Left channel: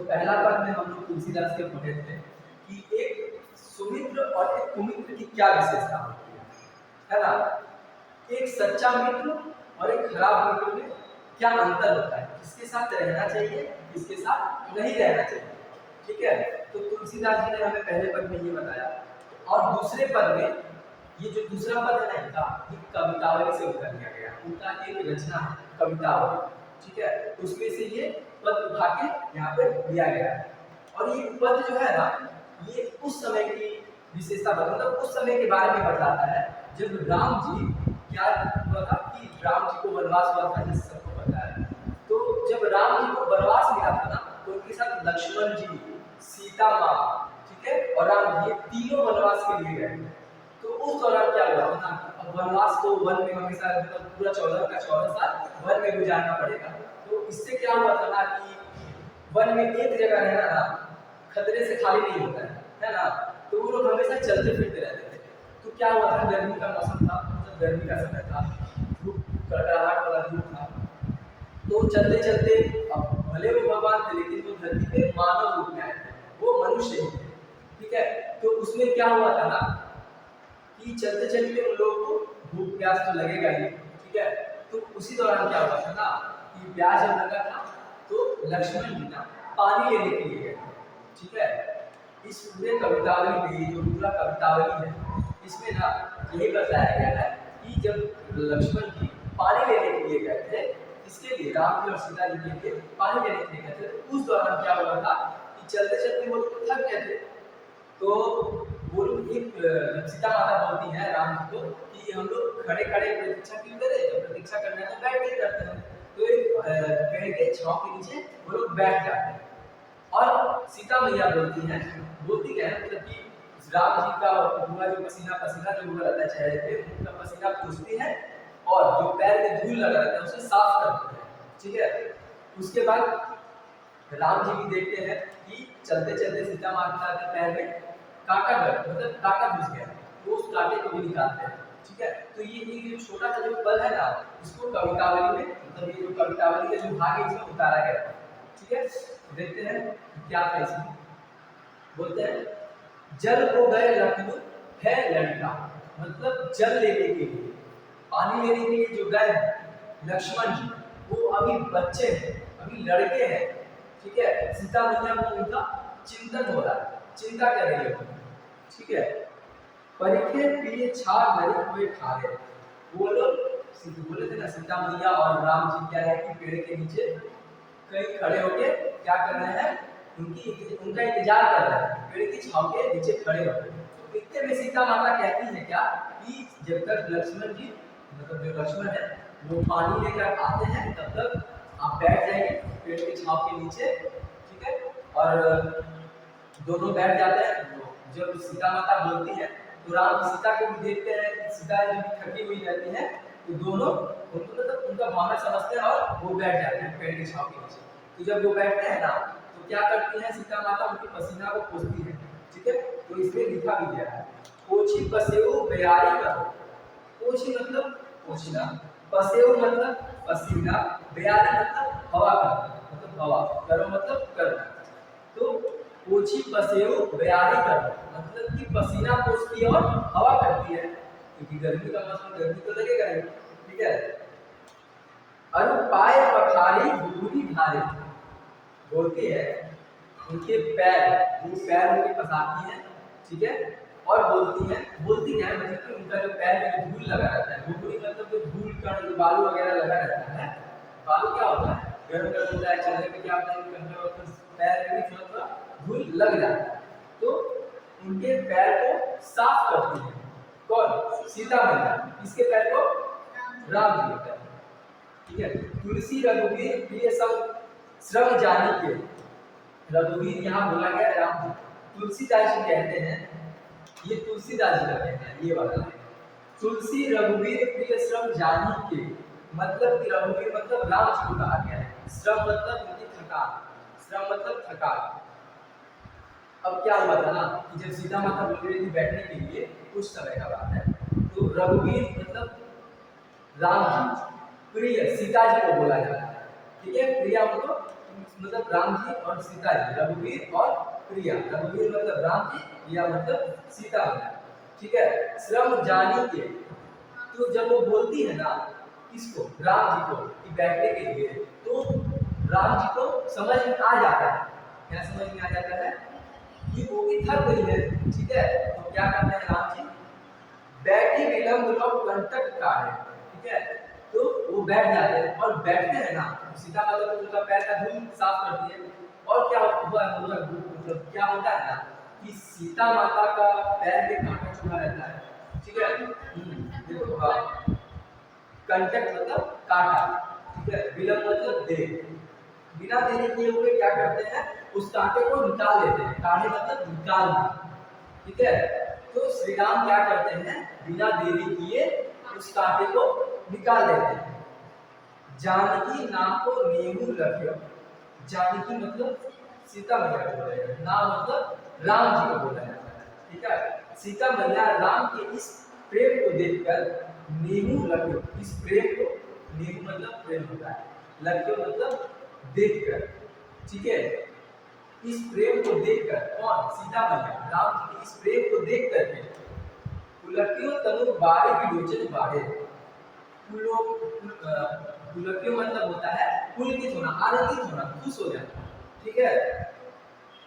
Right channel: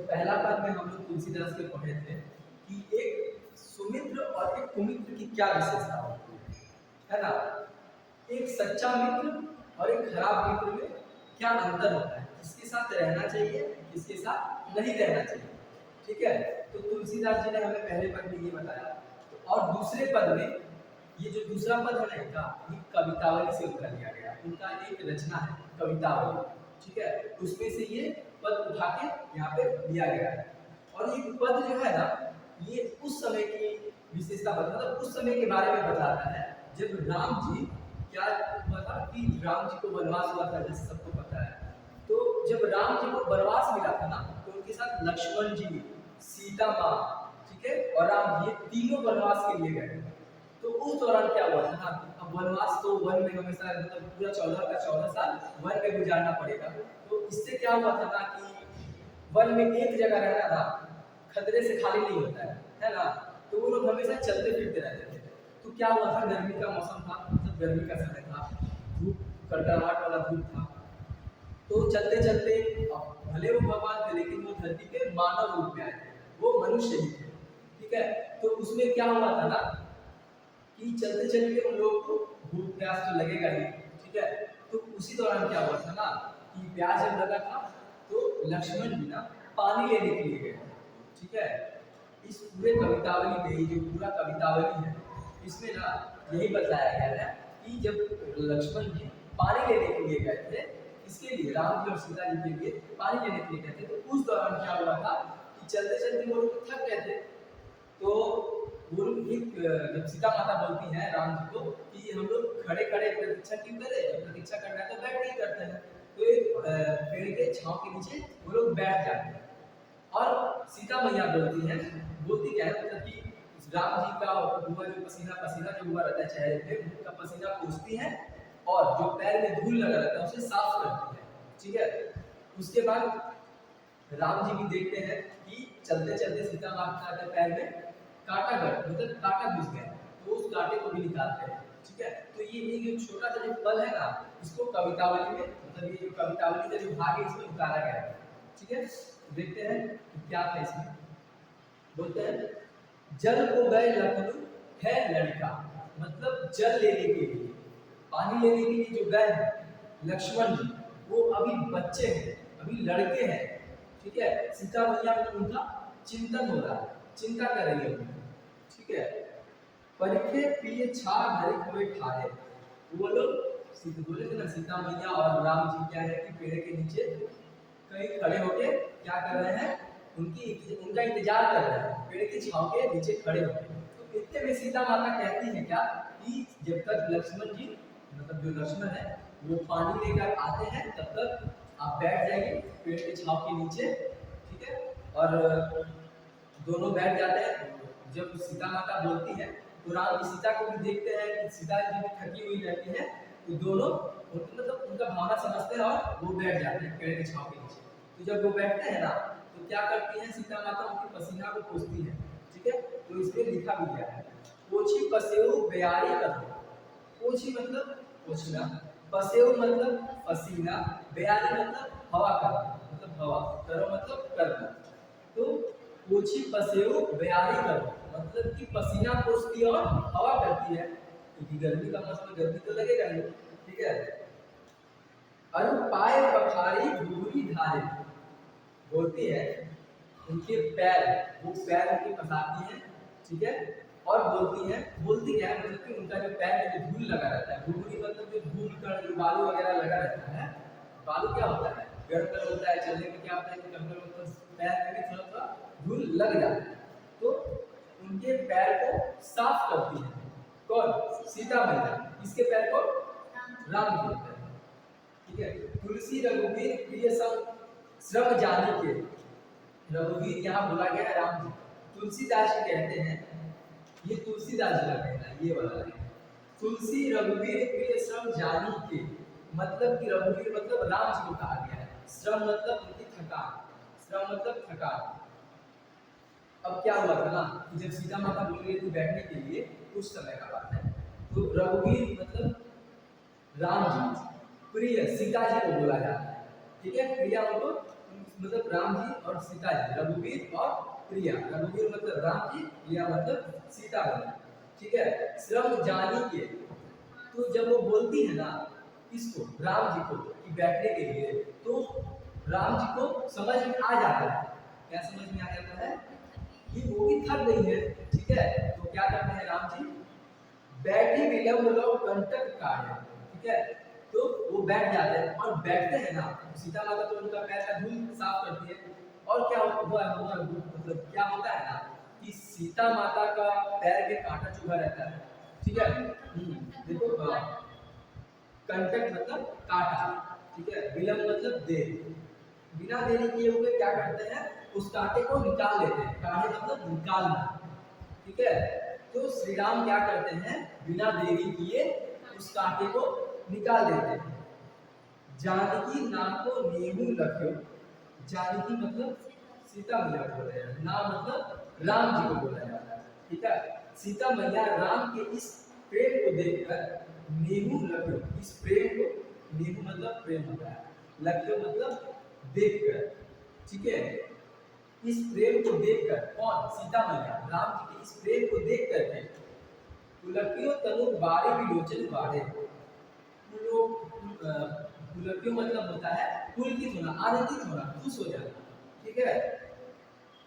तो पहला पद में हम लोग तुलसीदास के पढ़े थे कि एक सुमित्र और एक कुमित्र की क्या विशेषता होती है ना। एक सच्चा मित्र और एक खराब मित्र में क्या अंतर होता है, किसके साथ रहना चाहिए, किसके साथ नहीं रहना चाहिए। ठीक है, तो तुलसीदास जी ने हमें पहले पद में ये बताया। और दूसरे पद में ये जो दूसरा पद है ना इनका, ये कवितावली से उठा लिया गया, उनका एक रचना है कवितावली। ठीक है, उसमें से ये पद उठा के यहाँ पे लिया गया है। और ये पद जो है ना, ये उस समय की विशेषता मतलब उस समय के बारे में बताता है जब राम जी क्या हुआ था कि राम जी को वनवास हुआ था, जैसे सबको पता है। तो जब राम जी को वनवास मिला था ना, तो उनके साथ लक्ष्मण जी, सीता माँ, ठीक है, और राम जी तीनों वनवास के लिए गए। तो उस दौरान क्या हुआ था, अब वनवास तो वन में हमेशा मतलब पूरा 14 साल वन में गुजारना पड़ेगा। तो इससे क्या हुआ था ना कि वन में एक जगह रहना ना खतरे से खाली नहीं होता है ना। तो वो लोग हमेशा चलते फिरते रहते थे। तो क्या हुआ था, गर्मी का मौसम था, मतलब गर्मी का समय था, धूप कड़कड़ाहट वाला धूप था। तो चलते चलते, अब भले वो भगवान थे लेकिन वो धरती पे मानव रूप में आए थे, वो मनुष्य ही थे। ठीक है, तो उसमें क्या हुआ था ना कि चलते चलते उन लोगों को भूख प्यास तो लगेगा ही। ठीक है, तो उसी दौरान क्या हुआ था ना कि प्यास जब लगा था तो लक्ष्मण जी ना पानी लेने के लिए गए। ठीक है, इस पूरे कवितावली में, ये जो पूरा कवितावली है, इसमें ना यही बताया गया है कि जब लक्ष्मण जी पानी लेने के लिए गए थे, इसके लिए राम जी और सीता जी के लिए पानी लेने के लिए गए थे, तो उस दौरान क्या हुआ था कि चलते चलते वो लोग थक गए थे। तो वो लोग एक जब सीता माता बोलती है राम जी को कि हम लोग खड़े खड़े प्रतीक्षा क्यों करें, जब प्रतीक्षा करना है तो बैठ के करते हैं। तो एक पेड़ के छांव के नीचे वो लोग बैठ जाते हैं। और सीता मैया बोलती क्या है, मतलब कि राम जी का हुआ जो पसीना पसीना जो हुआ रहता है चेहरे पे, उनका पसीना पूछती है और जो पैर में धूल लगा रहता है उसे साफ करती है। ठीक है, उसके बाद राम जी भी देखते हैं कि चलते चलते सीता माता के पैर में कांटा गड़ मतलब कांटा घुस गया, तो उस कांटे को भी निकालते हैं। ठीक है, तो ये जो छोटा सा जो पल है ना, इसको कवितावली में, मतलब ये जो कवितावली का जो भाग है इसमें उतारा गया है। ठीक है, देखते हैं क्या था इसमें। बोलते हैं जल को गए लखनऊ है लड़का, मतलब जल लेने के लिए, पानी लेने के लिए जो गए लक्ष्मण जी, वो अभी बच्चे हैं, अभी लड़के हैं। ठीक है, सीता मैया को उनका चिंतन हो रहा है, चिंता कर रही है। ठीक है, परिखे प्रिय छा गरीब हुए ठारे, वो लोग बोले थे ना सीता मैया और राम जी क्या है कि पेड़ के नीचे कहीं खड़े होके क्या कर रहे हैं, उनका इंतजार कर रहे हैं, पेड़ की छांव के नीचे खड़े होकर। तो इतने में सीता माता कहती है क्या कि जब तक लक्ष्मण जी, मतलब जो लक्ष्मण है वो पानी लेकर आते हैं, तब तक आप बैठ जाइए पेड़ की छांव के नीचे। ठीक है, और दोनों बैठ जाते हैं। जब सीता माता बोलती है तो राम सीता को भी देखते हैं कि सीता जी थकी हुई रहती है, तो दोनों उनको मतलब उनका भावना समझते हैं और वो बैठ जाते हैं पेड़ की छांव के नीचे। तो जब वो बैठते हैं ना, तो क्या करती है सीता माता, उनकी पसीना को पोंछती है। ठीक है, तो इसमें लिखा भी गया है पोछी पसेऊ बयारी करो। पोछी मतलब पोछना, पसेऊ मतलब पसीना, बयारी मतलब हवा करना, मतलब हवा करो मतलब करना। तो पोछी पसेऊ बयारी करो मतलब कि पसीना पोंछती और हवा करती है, क्योंकि गर्मी का मौसम, गर्मी तो लगेगा ही। ठीक है, अरु पाय पखारी घुघुरी धारे, बोलती है उनके पैर, वो पैर उनके पसारती है। ठीक है, और बोलती क्या है, मतलब कि उनका जो पैर में जो धूल लगा रहता है, घुघुरी मतलब जो धूल कण जो बालू वगैरह लगा रहता है। बालू क्या होता है, गर्म गर्म होता है, चलने में क्या होता है कि कभी वक्त पैर में भी थोड़ा धूल लग जाता है। तो उनके पैर को साफ करती है कौन, सीता मैया, इसके पैर को राम जी होता है। ठीक है, तुलसी रघुवीर प्रिय सब श्रम जानी के, रघुवीर यहाँ बोला गया राम जी, तुलसीदास जी कहते हैं, ये तुलसीदास जी का कहना है, ये वाला है तुलसी रघुवीर प्रिय श्रम जानी के, मतलब कि रघुवीर मतलब राम जी को कहा गया है, श्रम मतलब उनकी थकान, श्रम मतलब थकान। अब क्या हुआ था ना कि जब सीता माता बोल रही थी बैठने के लिए, कुछ समय का बात है, तो रघुवीर मतलब राम जी, प्रिय सीता जी को बोला जाता है। ठीक है, प्रिया उनको मतलब राम जी और सीता जी, रघुवीर और प्रिया। रघुवीर मतलब राम जी, प्रिया मतलब सीता मैया। ठीक है, श्रम जानी के, तो जब वो बोलती है ना इसको राम जी को कि बैठने के लिए, तो राम जी को समझ में आ जाता है। क्या समझ में आ जाता है? कि वो भी थक गई है। ठीक है, तो क्या करते हैं राम जी, बैठी विलंब लो कंटक काढ़े। ठीक है, तो वो बैठ जाते हैं और बैठते हैं ना, सीता माता तो उनका पैर का धूल साफ करती है। और क्या हुआ मतलब क्या होता है ना कि सीता माता का पैर में कांटा चुभा रहता है। ठीक है, देखो कंटक मतलब कांटा। ठीक है, विलंब मतलब देर। बिना देरी किए हुए क्या करते हैं, उस कांटे को निकाल देते हैं। काढ़े मतलब निकालना। ठीक है, तो श्री राम क्या करते हैं, बिना देरी किए उस कांटे को निकाल देते हैं। जानकी नाम को नेहू लख्यो। जानकी मतलब सीता मैया को बोला जाता है, नाम मतलब राम जी को बोला जाता है। ठीक है, सीता मैया राम के इस प्रेम को देखकर नेहू लख्यो, इस प्रेम को, नेहू मतलब प्रेम होता है, लख्यो मतलब देखकर। ठीक है, इस प्रेम को देखकर, कौन, सीता मैया राम जी के इस प्रेम को देख करके पुलकियो तनु बारे विलोचन बारे। पुलकियो मतलब होता है पुलकित होना, आनंदित होना, खुश हो जाना। ठीक है,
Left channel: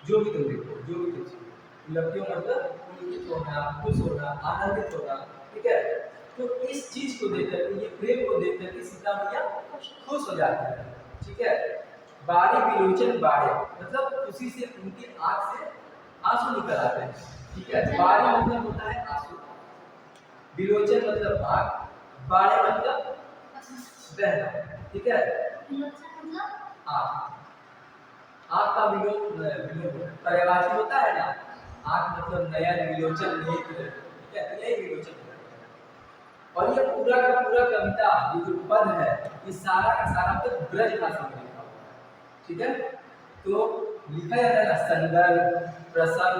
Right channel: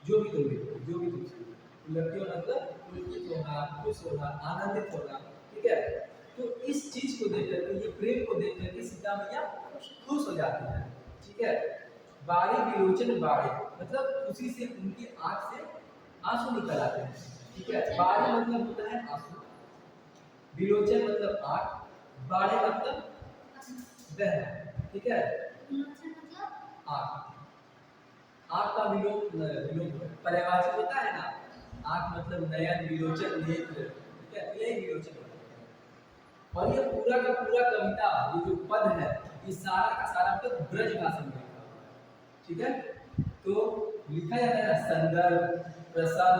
जो भी तुम देखो, जो भी तुम सीखो, पुलकियो मतलब पुलकित होना, खुश होना, आनंदित होना। ठीक है, तो इस चीज को देख करके, ये प्रेम को देख करके सीता मैया खुश हो जाती है। ठीक है, बारी विलोचन बारे मतलब खुशी से उनकी आंख से आंसू निकल आते हैं। ठीक है, बारी मतलब होता है आंसू, विलोचन मतलब आंख, बारे मतलब बहना। ठीक है, आंख, आंख का पर्यायवाची होता है ना, आंख मतलब नयन, विलोचन नेत्र। ठीक है, तो यही विलोचन होता है। और ये पूरा का पूरा कविता, ये जो पद है, ये सारा का सारा पद ब्रज भाषा में लिखा हुआ है। ठीक है, तो लिखा जाता है ना संदर्भ, प्रसंग,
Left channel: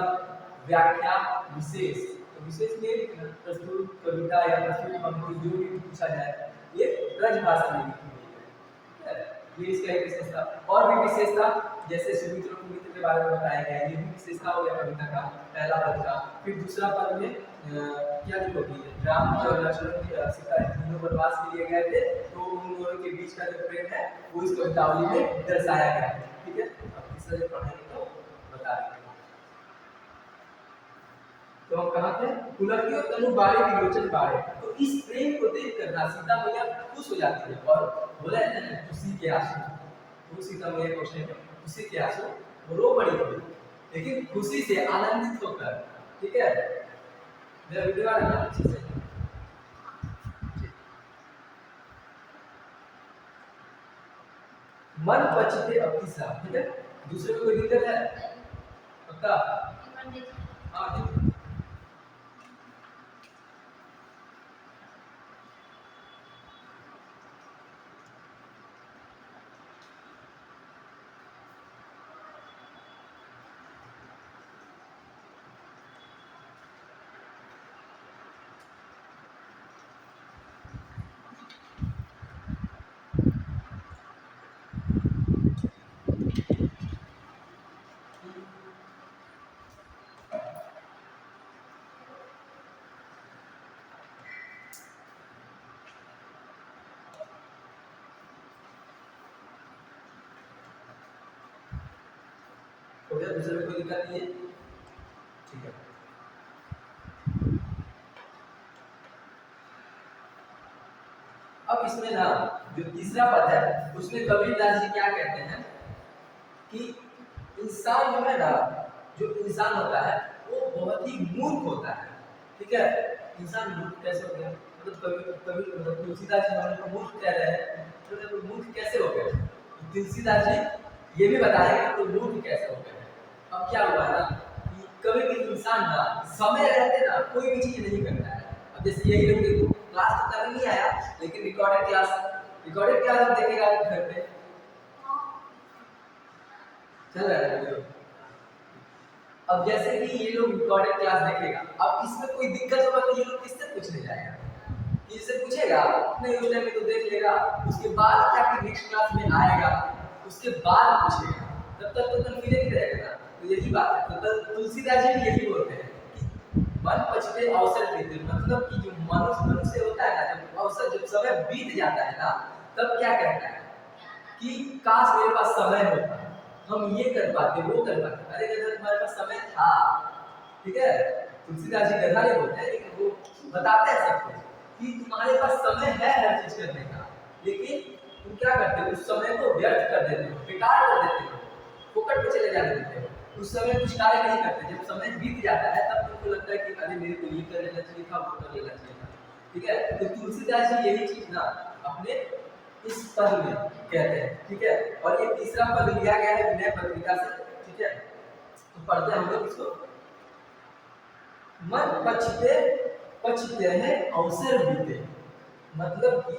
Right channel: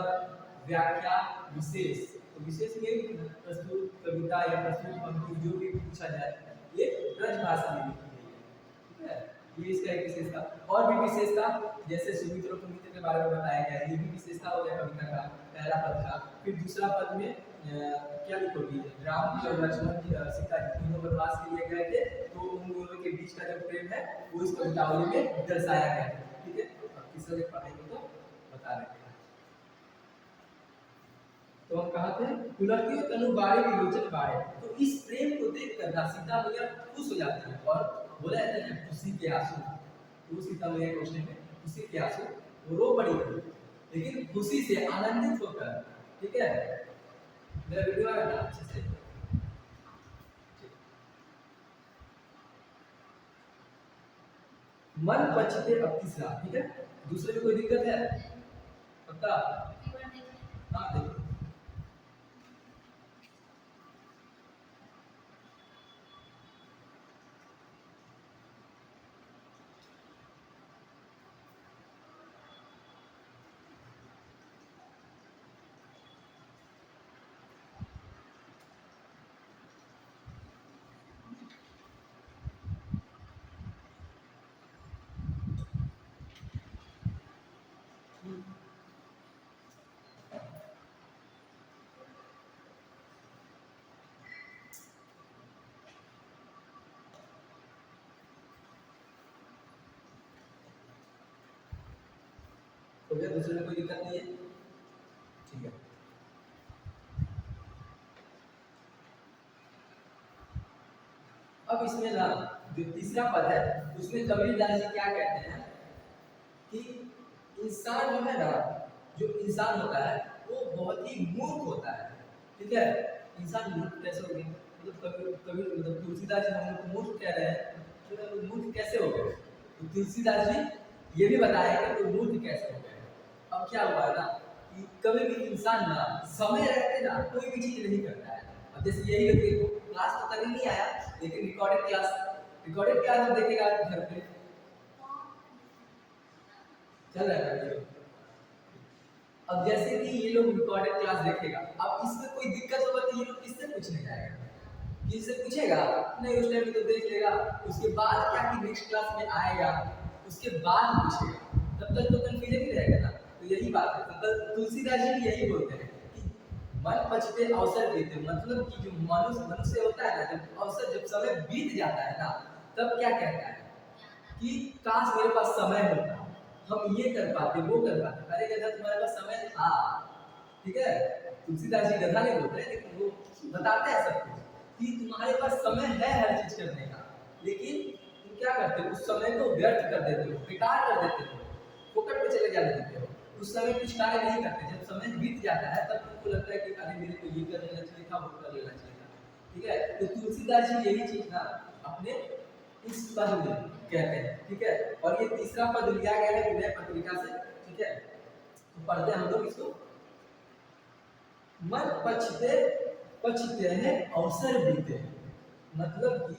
व्याख्या, विशेष। तो विशेष में लिखना, प्रस्तुत कविता या प्रस्तुत पंक्ति जो भी पूछा जाए, ये ब्रज भाषा में लिखी गई है। ठीक है, ये इसका एक विशेषता। और भी विशेषता, जैसे सुमित्र कुमित्र के बारे में बताया गया है, ये भी विशेषता हो गया कविता का पहला पद का। फिर दूसरा पद में क्या लिखोगी, राम जी और लक्ष्मण जी सीता जी तीनों वनवास के लिए गए थे, तो उन दोनों के बीच का जो प्रेम है वो इस कवितावली में दर्शाया गया है। ठीक है, अब तीसरा जब पढ़ेंगे तो बता देंगे। तो हम कहाँ थे, पुलकियो तनु बारे विलोचन बारे। तो इस प्रेम को देखकर ना सीता मैया खुश हो जाती है और बोला जाता है ना खुशी के आंसू। तो सीता मैया को उसने खुशी के आंसू, वो रो पड़ी थी लेकिन खुशी से, आनंदित होकर। ठीक है, मेरा वीडियो आ रहा है अच्छे से? मन पचते अतिशा। ठीक है, दूसरे में कोई दिक्कत है? पक्का? हाँ देखिए, हो गया, दूसरे में कोई दिक्कत नहीं है? ठीक है, अब इसमें ना जो तीसरा पद है, उसमें कबीरदास जी क्या कहते हैं कि इंसान जो है ना, जो इंसान होता है वो बहुत ही मूर्ख होता है। ठीक है, इंसान मूर्ख कैसे हो गया, मतलब कभी कभी मतलब तुलसीदास जी हमारे को मूर्ख कह रहे हैं, तो मूर्ख कैसे हो गए? तो तुलसीदास जी ये भी बताएंगे तो मूर्ख कैसे हो गए। अब क्या हुआ ना कि कभी भी इंसान ना समय रहते ना कोई भी चीज नहीं करता है। अब जैसे यही लोग देखो, क्लास तो करने नहीं आया लेकिन रिकॉर्डेड क्लास हम देखेगा घर पे चल रहा है वीडियो। अब जैसे कि ये लोग रिकॉर्डेड क्लास देखेगा, अब इसमें कोई दिक्कत होगा तो ये लोग किससे पूछने जाएगा? किसी से पूछेगा नहीं, उस टाइम में तो देख लेगा, उसके बाद क्या कि नेक्स्ट क्लास में आएगा उसके बाद पूछेगा, तब तक तो कन्फ्यूजन ही रहेगा ना। तो यही बात है। तो तुलसीदास जी भी यही बोलते हैं कि मन पछते अवसर बीते, मतलब कि जो मनुष्य होता है ना, जब अवसर जब समय बीत जाता है ना, तब क्या कहता है कि काश मेरे पास समय होता, हम ये कर पाते वो कर पाते। अरे गधा तुम्हारे पास समय था, ठीक है। तुलसीदास जी गधा नहीं बोलते, लेकिन वो बताते हैं सब कुछ कि तुम्हारे पास समय है हर चीज करने का, लेकिन तुम क्या करते हो, उस समय को व्यर्थ कर देते हो, बेकार कर देते हो, फोकट पे चले जाने देते हो, उस समय कुछ कार्य नहीं करते। जब समय बीत जाता है तब तुमको लगता है कि अरे मेरे को ये कर लेना चाहिए था, वो कर लेना चाहिए था, ठीक है। तो तुलसीदास जी यही चीज ना अपने इस पद में कहते हैं, ठीक है। और ये तीसरा पद लिया गया है विनय पत्रिका से, ठीक है। तो पढ़ते हैं हम लोग इसको। मन पछते पछते हैं अवसर बीते, मतलब कि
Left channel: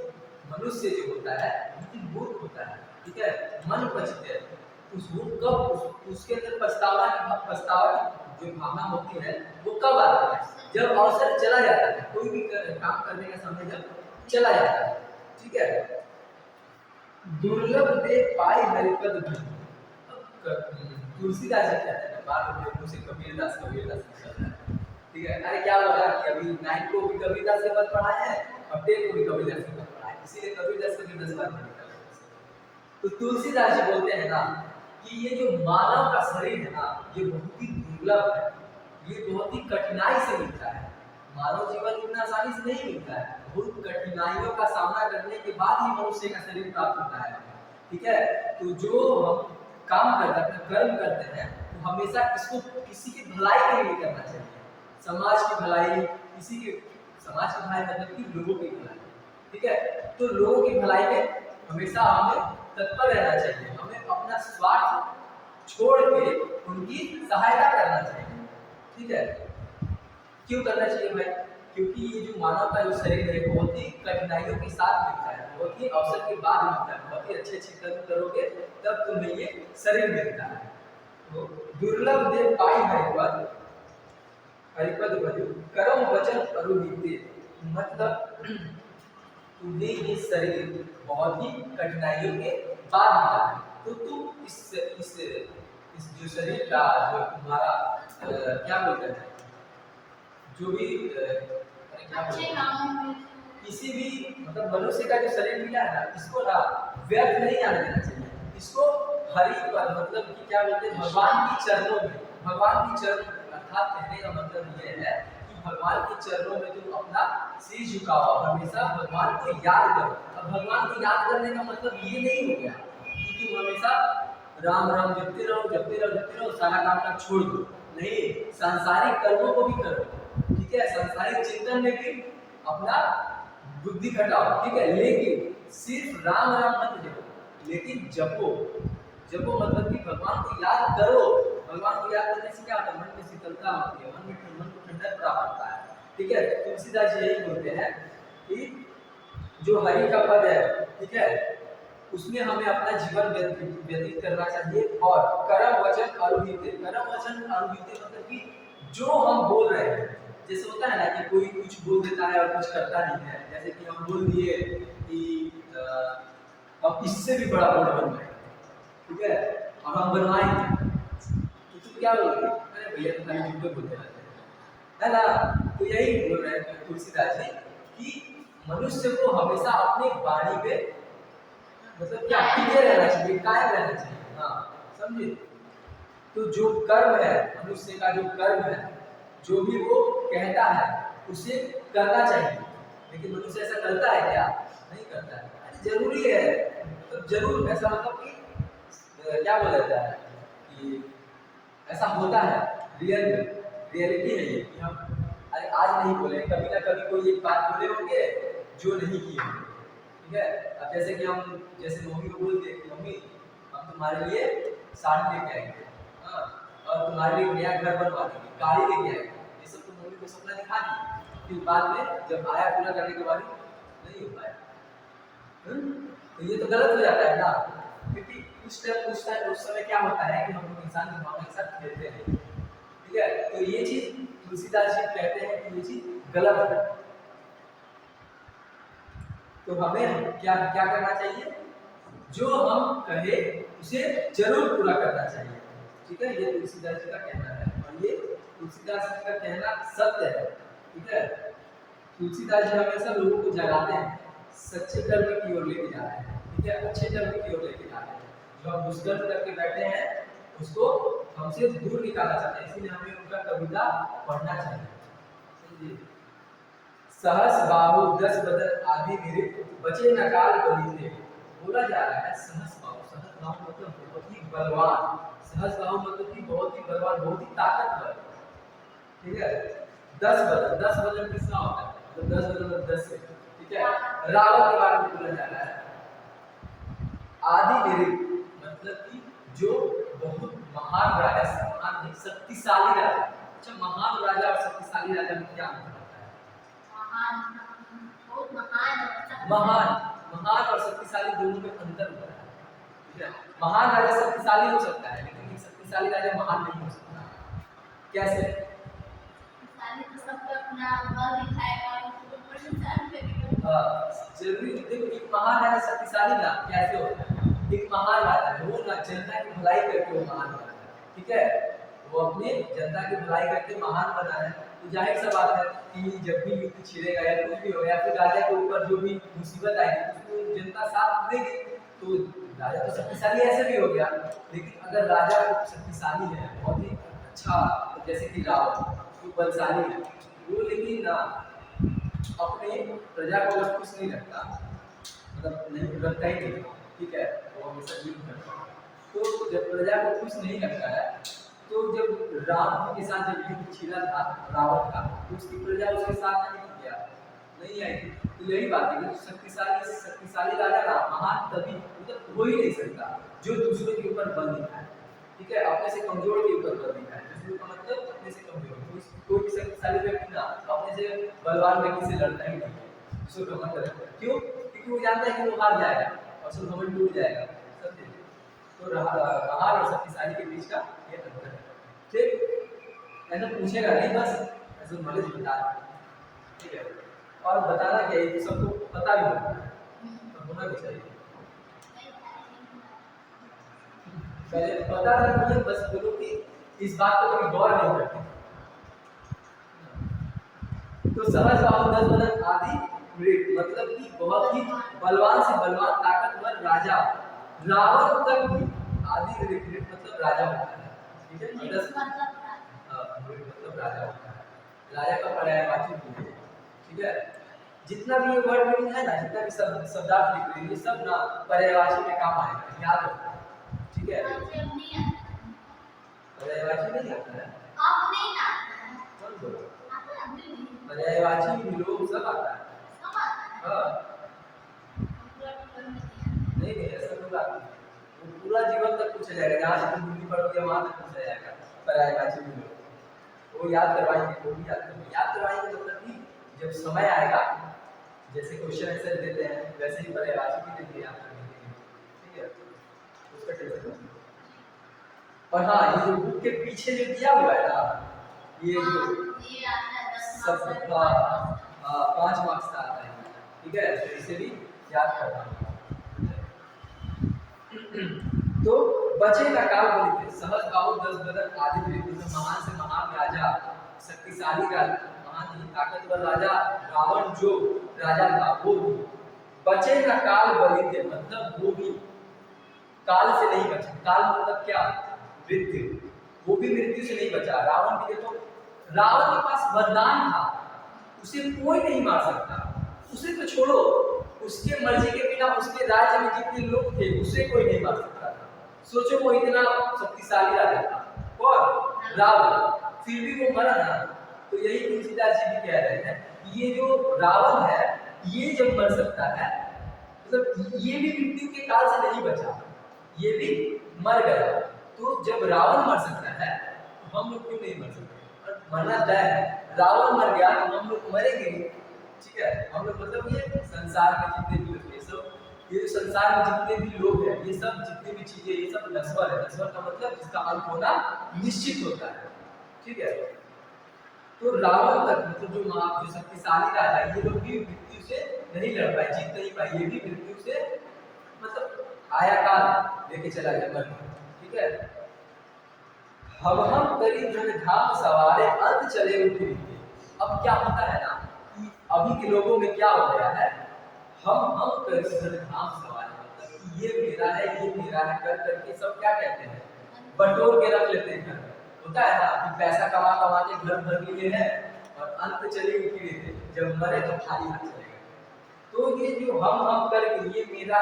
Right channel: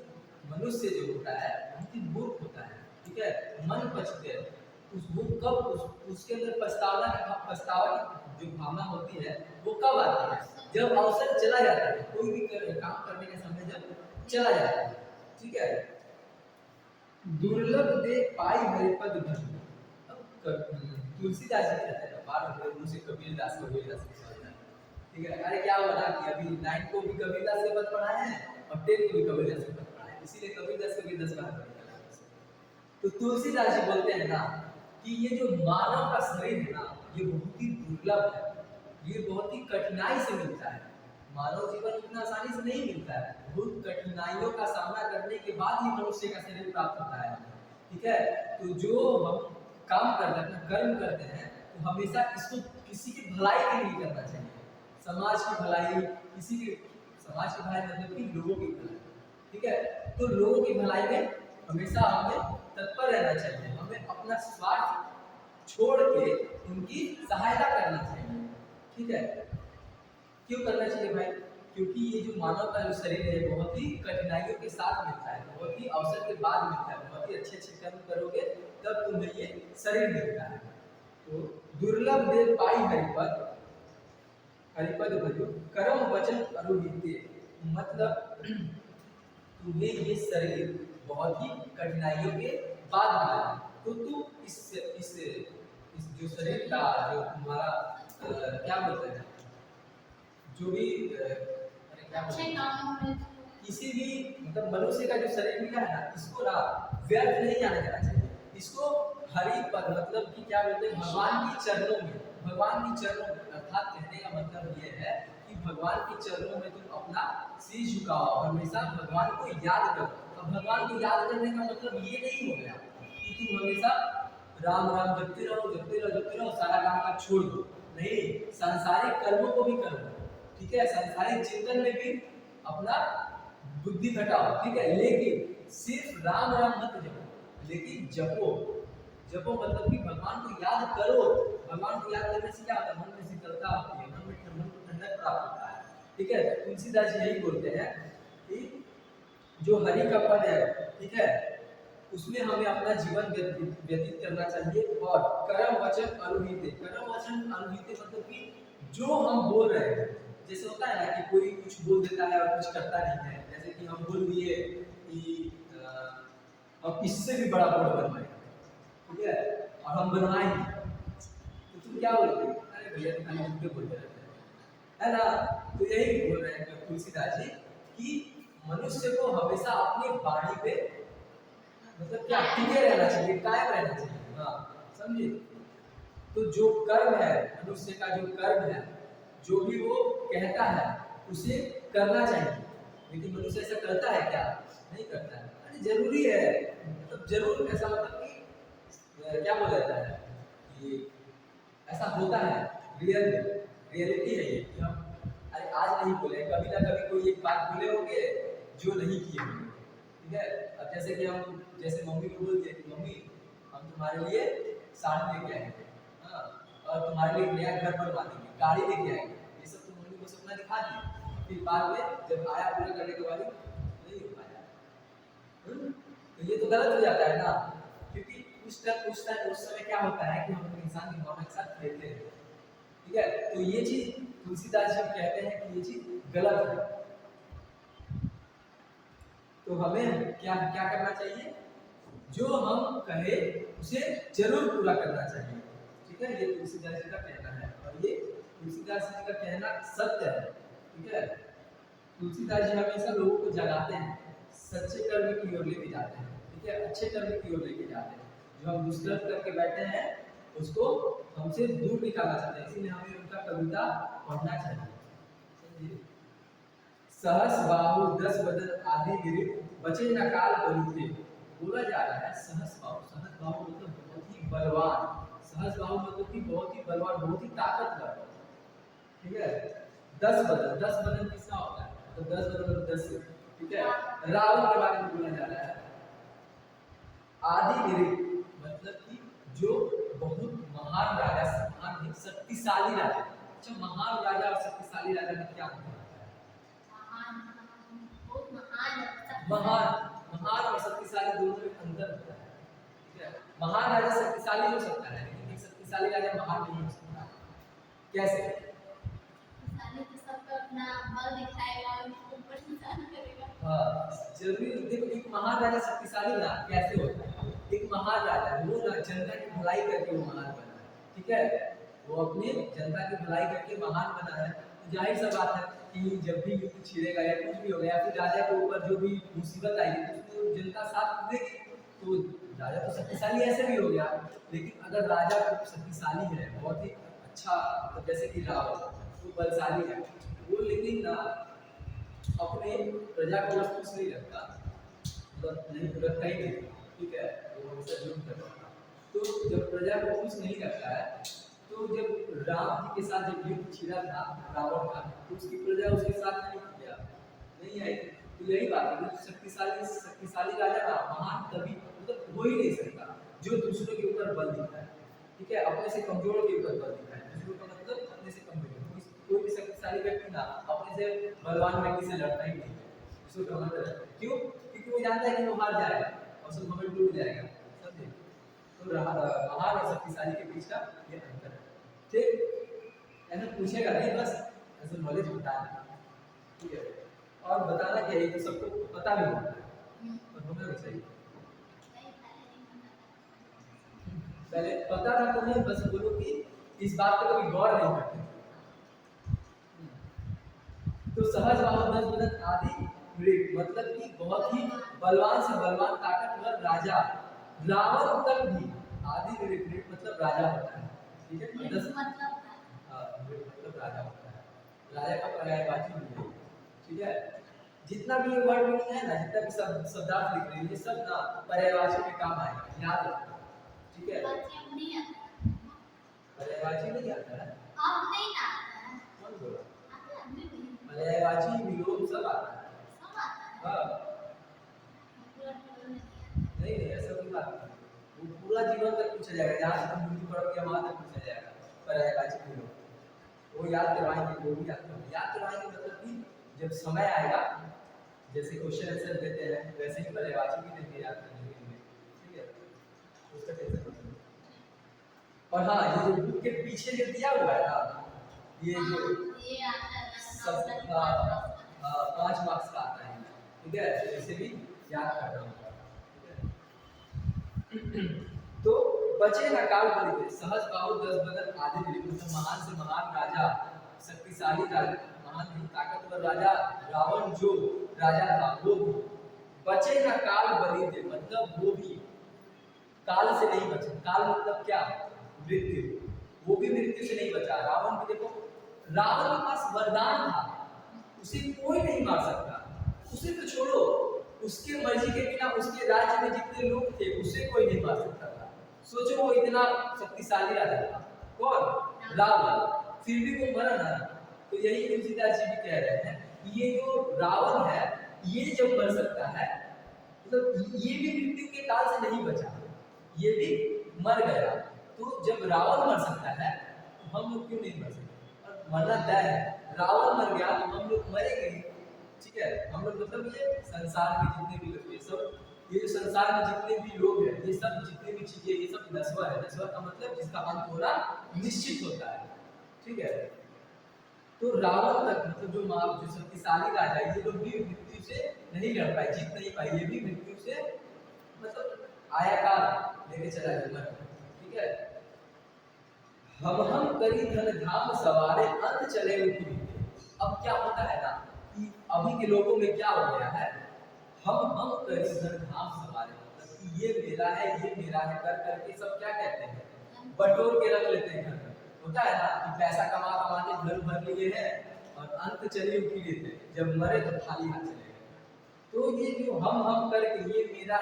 मनुष्य जो होता है बहुत मूर्ख होता है, ठीक है। मन पछते, वो कब उसके अंदर पछतावा की जो भावना होती है वो कब आती है, जब अवसर चला जाता है, कोई भी काम करने का समय जब चला जाता है, ठीक है। दुर्लभ दे पाई हरिपद धन। तुलसीदास जी कहते हैं, बार बार मुंह से कबीरदास निकलता है, ठीक है। अरे क्या बोला कि अभी 9 को भी कबीरदास के पद पढ़ाए हैं और 10 को भी कबीरदास के पद पढ़ाए, इसीलिए कबीरदास बार निकलता है। तो तुलसीदास जी बोलते हैं ना कि ये जो मानव का शरीर है ना, ये बहुत ही दुर्लभ है, ये बहुत ही कठिनाई से मिलता है। मानव जीवन इतना आसानी से नहीं मिलता है, बहुत कठिनाइयों का सामना करने के बाद ही मनुष्य का शरीर प्राप्त होता है, ठीक है। तो जो हम काम करते हैं, कर्म करते हैं, तो हमेशा इसको किसी की भलाई के लिए करना चाहिए, समाज की भलाई, किसी के समाज की भलाई मतलब कि लोगों की भलाई, ठीक है। तो लोगों की भलाई में हमेशा हमें तत्पर रहना चाहिए, हमें अपना स्वार्थ छोड़ के उनकी सहायता करना चाहिए, ठीक है। क्यों करना चाहिए भाई, क्योंकि ये जो मानव का जो शरीर है बहुत ही कठिनाइयों के साथ मिलता है, बहुत ही अवसर के बाद मिलता है, बहुत ही अच्छे अच्छे कर्म करोगे तब तुम्हें ये शरीर मिलता है। तो दुर्लभ दे पाई हरिपद, हरिपद भजो कर्म वचन अरुहिते, मतलब तुम्हें ये शरीर बहुत ही कठिनाइयों के बाद मिला है, तो तुम इस जो शरीर का जो तुम्हारा क्या बोलते हैं, जो भी अच्छे कामों में किसी भी मतलब मनुष्य का जो शरीर मिला है ना, इसको ना व्यर्थ नहीं आने देना चाहिए, इसको हरि पर मतलब कि क्या बोलते हैं, भगवान की चरणों में, भगवान की चरणों में, अर्थात कहने का मतलब ये है कि भगवान के चरणों में तुम अपना सिर झुकाओ, हमेशा भगवान को याद करो। अब भगवान को याद करने का मतलब ये नहीं हो गया कि तुम हमेशा राम राम जपते रहो जपते रहो जपते रहो, सारा काम काज छोड़ दो, नहीं, सांसारिक कर्मों को भी करो, ठीक है, सांसारिक चिंतन में भी अपना बुद्धि घटाओ, ठीक है, लेकिन सिर्फ राम राम मत जपो, लेकिन जपो, जपो मतलब कि भगवान को याद करो। भगवान को याद करने से क्या होता है, मन में शीतलता होती है, मन को ठंडक प्राप्त होता है, ठीक है। तुलसीदास जी यही बोलते हैं कि जो हरि का पद है, ठीक है, उसमें हमें अपना जीवन व्यतीत करना चाहिए, और कर्म वचन अरुहिते, कर्म वचन अरुहिते मतलब कि जो हम बोल रहे हैं, जैसे होता है ना कि कोई कुछ बोल देता है और कुछ करता नहीं है, जैसे कि हम बोल दिए कि अब इससे भी बड़ा बोर्ड बनवाए, ठीक है, और हम बनवाए, तो तुम क्या बोलोगे, अरे भैया तुम खाली झूठे बोलते रहते हैं, है ना। तो यही बोल रहे हैं तुलसीदास जी कि मनुष्य को हमेशा अपनी वाणी पे मतलब क्या टिके रहना चाहिए, कायम रहना चाहिए, हाँ, समझे। तो जो कर्म है, मनुष्य का जो कर्म है, जो भी वो कहता है उसे करना चाहिए, लेकिन मनुष्य ऐसा करता है क्या, नहीं करता है। अरे जरूरी है, मतलब जरूर ऐसा मतलब कि क्या बोला जाता है कि ऐसा होता है, रियलिटी है ये कि हम अरे आज नहीं बोले, कभी ना कभी कोई एक बात बोले होंगे जो नहीं किए होंगे, ठीक है। अब जैसे कि हम जैसे मम्मी को बोल दिए कि मम्मी हम तुम्हारे लिए साड़ी लेके आएंगे, हाँ, और तुम्हारे लिए नया घर बनवा देंगे, गाड़ी लेके आएंगे, ये सब तो मम्मी को सपना दिखा दी, फिर बाद में जब आया पूरा करने के बाद नहीं हो पाया, तो ये तो गलत हो जाता है ना, क्योंकि उस समय क्या होता है कि हम लोग इंसान की भावना के साथ खेलते हैं, ठीक है। तो ये चीज तुलसीदास जी कहते हैं कि ये चीज गलत है। तो हमें क्या क्या करना चाहिए, जो हम कहे उसे जरूर पूरा करना चाहिए। ठीक है, ये तुलसीदास जी का कहना है और ये तुलसीदास जी का कहना सत्य है। ठीक है, तुलसीदास जी हमेशा लोगों को जगाते हैं, सच्चे कर्म की ओर लेके जाते हैं। ठीक है, अच्छे कर्म की ओर लेके जाते हैं। जो हम दुष्कर्म करके बैठे हैं उसको हमसे दूर निकालना चाहते हैं, इसलिए हमें उनका कविता पढ़ना चाहिए। समझिए, सहस बाहु दस बदन आदि गिरे बचे न काल बलिते। बोला जा रहा है सहस बाहु, सहस बाहु मतलब बहुत ही बलवान, सहस बाहु मतलब कि बहुत ही बलवान, बहुत ही ताकतवर। ठीक है, दस बदन, दस बदन किसका होता है, मतलब 10 बदन मतलब 10 से। ठीक है, रावण के बारे में बोला जा रहा है। आदि निरिक मतलब कि जो बहुत महान राजा, महान नहीं शक्तिशाली राजा। अच्छा, महान राजा और शक्तिशाली राजा में क्या अंतर होता है? महान महान और शक्तिशाली दोनों में अंतर होता है। ठीक है, महान राजा शक्तिशाली हो सकता है लेकिन एक शक्तिशाली राजा महान नहीं हो सकता। कैसे? जरूरी देखो, एक महान राजा शक्तिशाली ना कैसे होता है? एक महान राजा वो ना जनता की भलाई करके वो महान बना है। ठीक है, वो अपने जनता की भलाई करके महान बना है। तो जाहिर सा बात है कि जब भी युद्ध छिड़ेगा या कुछ भी होगा या फिर राजा के ऊपर जो भी मुसीबत आएगी तो उसको जनता साथ देगी। तो राजा तो शक्तिशाली ऐसे भी हो गया, लेकिन अगर राजा शक्तिशाली है, बहुत ही अच्छा, तो जैसे कि रावण वो बलशाली है, वो लेकिन ना अपने प्रजा को अगर खुश नहीं रखता, मतलब नहीं रखता ही नहीं। ठीक है, वो हमेशा जुल्म करता है। तो जब प्रजा को खुश नहीं रखता है, तो जब राम जी के साथ जब युद्ध छिड़ा था रावण का, तो उसकी प्रजा उसके साथ नहीं आई थी। तो यही बात है कि शक्तिशाली राजा ना महान तभी मतलब हो ही नहीं सकता जो दूसरे के ऊपर बल दिखाए। ठीक है, अपने से कमजोर के ऊपर बल दिखाए। दूसरे का मतलब अपने से कमजोर, कोई भी शक्तिशाली व्यक्ति ना अपने से बलवान व्यक्ति से लड़ता ही नहीं है, उसको घमंड रहता है। क्यों? क्योंकि वो जानता है कि वो हार जाएगा और उसका घमंड टूट जाएगा। समझे? तो महान और शक्तिशाली के बीच का ये अंतर है। ठीक, ऐसा पूछेगा नहीं, बस ऐसे नॉलेज बता। ठीक है, और बताना क्या, ये तो सबको पता भी होता है और होना भी चाहिए। पहले पता था तुम्हें, बस बोलो कि इस बात पर कभी गौर नहीं करते। तो सहज बाहु दस बदन आदि मृग मतलब कि बहुत ही बलवान से बलवान ताकतवर राजा रावण तक भी आदि मृग मतलब राजा होता है। ठीक है, दस मतलब राजा होता है, राजा का पर्यायवाची भी है। ठीक है, जितना भी ये वर्ड मीनिंग है ना, जितना भी शब्दार्थ लिख रहे हैं, ये सब ना पर्यायवाची में काम आएगा, याद रखो। ठीक है, पर्यायवाची नहीं आता है, कौन बोला? पर्यायवाची विलोम सब आता है। हाँ, नहीं ऐसा कोई बात नहीं, वो पूरा जीवन तक पूछा जाएगा, जहाँ से तुम हिंदी पढ़ोगे वहाँ तक पूछा जाएगा पर्यायवाची विलोम। वो याद करवाएंगे, वो भी याद करवाएंगे मतलब कि जब समय आएगा, जैसे क्वेश्चन आंसर देते हैं वैसे ही पर्यायवाची भी देंगे याद करने के लिए। ठीक है, उसका टेंशन मत लो। और हाँ, ये जो बुक के पीछे जो दिया हुआ है ना, ये जो सब 5 मार्क्स का आता है। ठीक है, तो इसे भी याद करना। तो बचे न काल बलिते सहज बाहु दस बदन आदि मृग, तो महान से महान राजा, शक्तिशाली राजा, महान नहीं ताकतवर राजा रावण जो राजा था वो भी बचे न काल बलिते, मतलब वो भी काल से नहीं बचा। काल मतलब क्या? मृत्यु। वो भी मृत्यु से नहीं बचा। रावण की देखो, रावण के पास वरदान था, उसे कोई नहीं मार सकता। उसे तो छोड़ो, उसके मर्जी के बिना उसके राज्य में जितने लोग थे उसे कोई नहीं मार सकता था। सोचो, वो इतना शक्तिशाली राजा था, कौन? रावण, फिर भी वो मरा ना। तो यही तुलसीदास जी भी कह रहे हैं कि ये जो रावण है, ये जब मर सकता है, मतलब ये भी मृत्यु के काल से नहीं बचा, ये भी मर गया। तो जब रावण मर सकता है तो हम लोग क्यों नहीं मर सकते? और मरना तय है, रावण मर गया तो हम लोग मरेंगे। ठीक है, हम लोग मतलब ये संसार में जितने भी लोग, ये सब, ये जो संसार में जितने भी लोग हैं, ये सब जितने भी चीजें, ये सब नश्वर है। नश्वर का मतलब जिसका अंत होना निश्चित होता है। ठीक है, तो रावण तक मतलब जो शक्तिशाली राजा, ये लोग भी मृत्यु से नहीं लड़ पाए, जीत नहीं पाए, ये भी मृत्यु से मतलब आया काल लेके चला गया मर। ठीक है, हम करी धन धाम सवारे अंत चले उठते। अब क्या होता है ना कि अभी के लोगों में क्या हो गया है, हम करी धन धाम सवारे, मतलब कि ये मेरा है ये मेरा है कर करके सब क्या कहते हैं, बटोर के रख लेते हैं घर में। होता है ना कि पैसा कमा कमा के घर भर लिए हैं और अंत चले उठी थे, जब मरे तो खाली हाथ चले गए। तो ये जो हम करके ये मेरा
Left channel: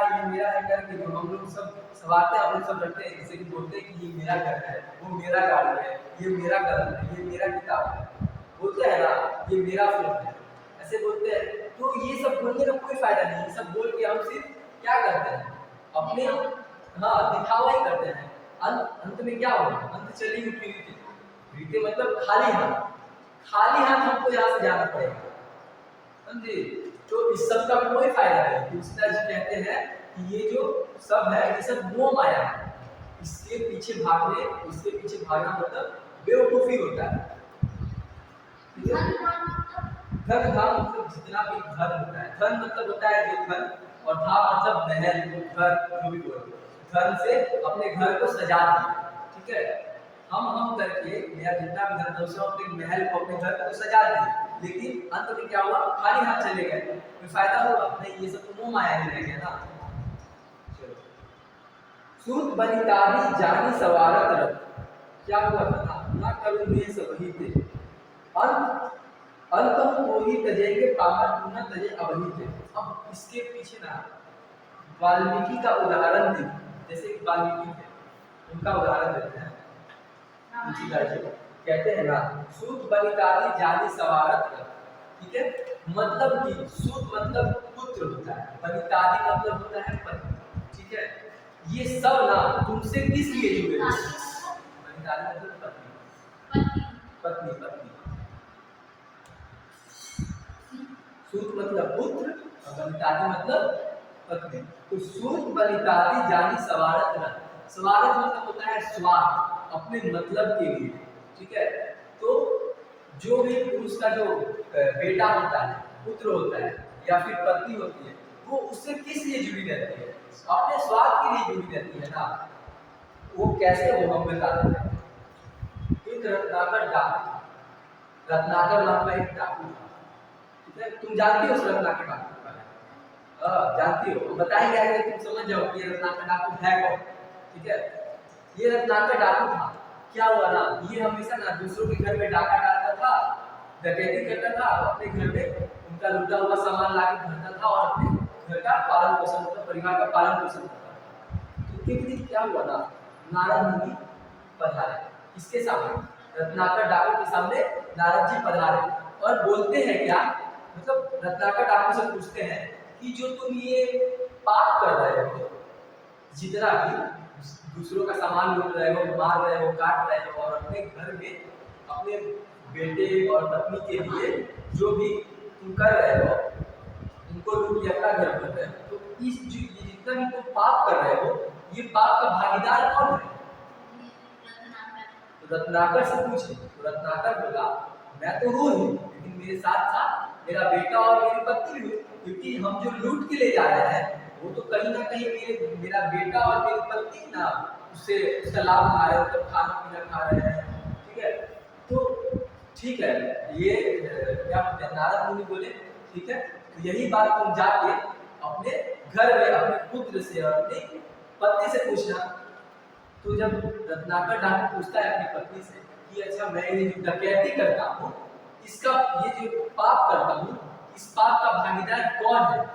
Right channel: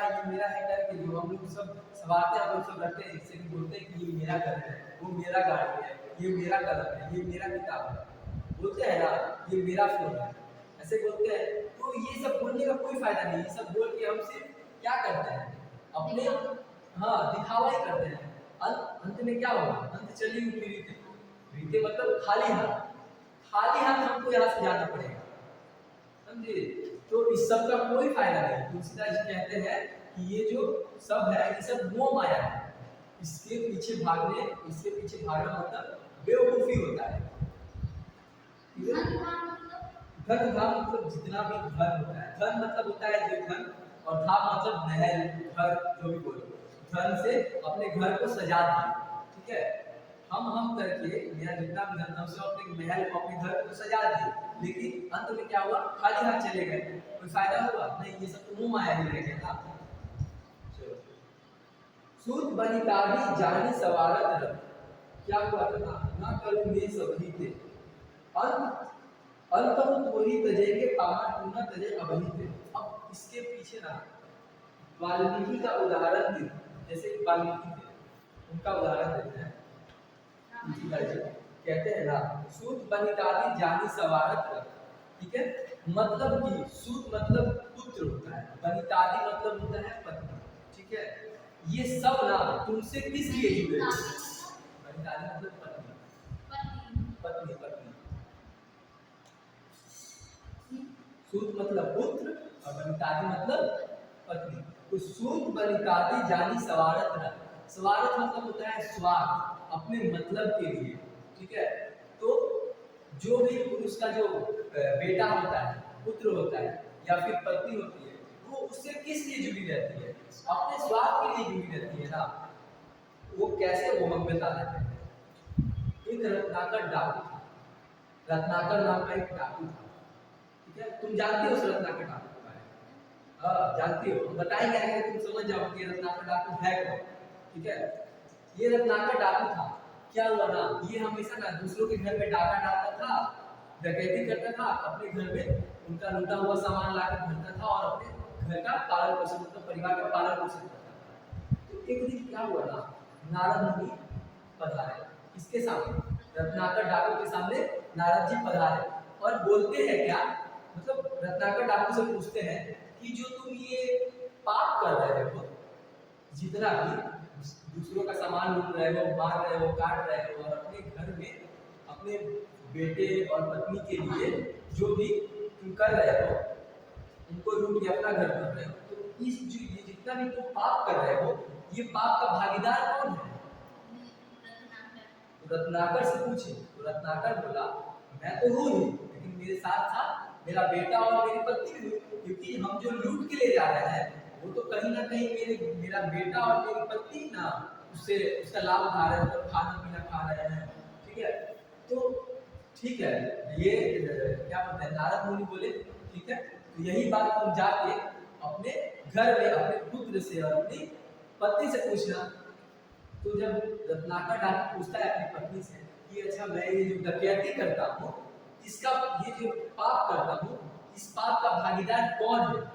है करके जो हम लोग सब सवारते हैं, हम लोग सब रखते हैं, जैसे कि बोलते हैं कि ये मेरा घर है, वो मेरा गाड़ी है, ये मेरा कलम है, ये मेरा किताब है, बोलते हैं ना ये मेरा फोन है, ऐसे बोलते हैं। तो ये सब बोलने का कोई फायदा नहीं, ये सब बोल के हम सिर्फ क्या करते हैं, अपने हाँ दिखावा ही करते हैं। अंत में क्या होगा, अंत चली उठी रीते मतलब खाली हाथ हमको यहाँ से जाना पड़ेगा, समझे। तो इस सब का कोई फायदा नहीं। तुलसीदास जी कहते हैं कि ये जो सब है ये सब मोह माया है, इसके पीछे भागना मतलब बेवकूफी होता है। धन धाम मतलब जितना भी धन होता है, धन मतलब होता है जो धन, और धाम मतलब महल घर जो भी बोलो, धन से अपने घर को सजा दिए। ठीक है, हम करके मेरा जितना भी धन था उसे अपने महल को अपने घर को सजा दिए, लेकिन अंत में क्या हुआ, खाली हाथ चले गए, कोई फायदा हुआ नहीं, ये सब तो मोह माया ही रह गया ना। चलो, सूत बनिताभी जानी सवारत रथ, क्या हुआ था ना करूं ये सब ही थे, अंत तो ही तजे के पामर न तजे अबही थे। अब इसके पीछे ना वाल्मीकि का उदाहरण दे, जैसे वाल्मीकि थे उनका उदाहरण देते हैं। तुलसीदास जी कहते हैं ना सूत बनितादि जानी सवारत रथ, ठीक है, मतलब कि सूत मतलब पुत्र होता है, बनितादि मतलब होता है पति। ठीक है, ये सब ना तुमसे किस लिए जुड़े हैं, बनितादि मतलब पत्नी, पत्नी पत्नी, सूत मतलब पुत्र और बनितादि मतलब पत्नी। तो सूत बनितादि जानी सवारत रथ, सवारत मतलब होता है स्वार्थ, अपने मतलब के लिए। ठीक है, तो जो भी पुरुष का जो बेटा होता है, पुत्र होता है या फिर पत्नी होती है, वो उससे किस लिए जुड़ी रहती है, अपने स्वार्थ के लिए जुड़ी रहती है ना। वो कैसे, वो हम बता देते हैं। एक रत्नाकर डाकू था, रत्नाकर नाम का एक डाकू था। ठीक है, तुम जानती हो उस रत्नाकर डाकू के बारे में, जानती हो, बताएंगे अगर तुम समझ जाओ कि ये रत्नाकर डाकू है कौन। ठीक है, ये रत्नाकर डाकू था। क्या हुआ ना, ये हमेशा ना दूसरों के घर में डाका डालता था, डकैती करता था, अपने घर में उनका लूटा हुआ सामान लाकर भरता था और अपने घर का पालन पोषण, मतलब परिवार का पालन पोषण करता था। तो एक दिन क्या हुआ ना, नारद मुनि पधारे, इसके सामने, रत्नाकर डाकू के सामने नारद जी पधारे और बोलते हैं क्या, मतलब रत्नाकर डाकू से पूछते हैं कि जो तुम ये पाप कर रहे हो, जितना भी दूसरों का सामान लूट रहे हो, मार रहे हो, काट रहे हो, और अपने घर में अपने बेटे और पत्नी के लिए जो भी तुम कर रहे हो, उनको लूट के अपना घर कर रहे हो, तो इस ये जितना भी तुम पाप कर रहे हो, ये पाप का भागीदार कौन है। तो रत्नाकर से पूछे, तो रत्नाकर बोला मैं तो हूँ ही, लेकिन मेरे साथ साथ मेरा बेटा और मेरी पत्नी भी, क्योंकि हम जो लूट के ले जा रहे हैं वो तो कहीं ना कहीं मेरा बेटा और मेरी पत्नी ना उससे उसका लाभ उठा रहे हैं, मतलब खाना पीना खा रहे हैं। ठीक है, तो ठीक है, ये क्या बोलते हैं, नारद मुनि बोले ठीक है, तो यही बात तुम जाके अपने घर में अपने पुत्र से और अपनी पत्नी से पूछना। तो जब रत्नाकर डाकू पूछता है अपनी पत्नी से कि अच्छा मैं ये जो डकैती करता हूँ, इसका ये जो पाप करता हूँ, इस पाप का भागीदार कौन है।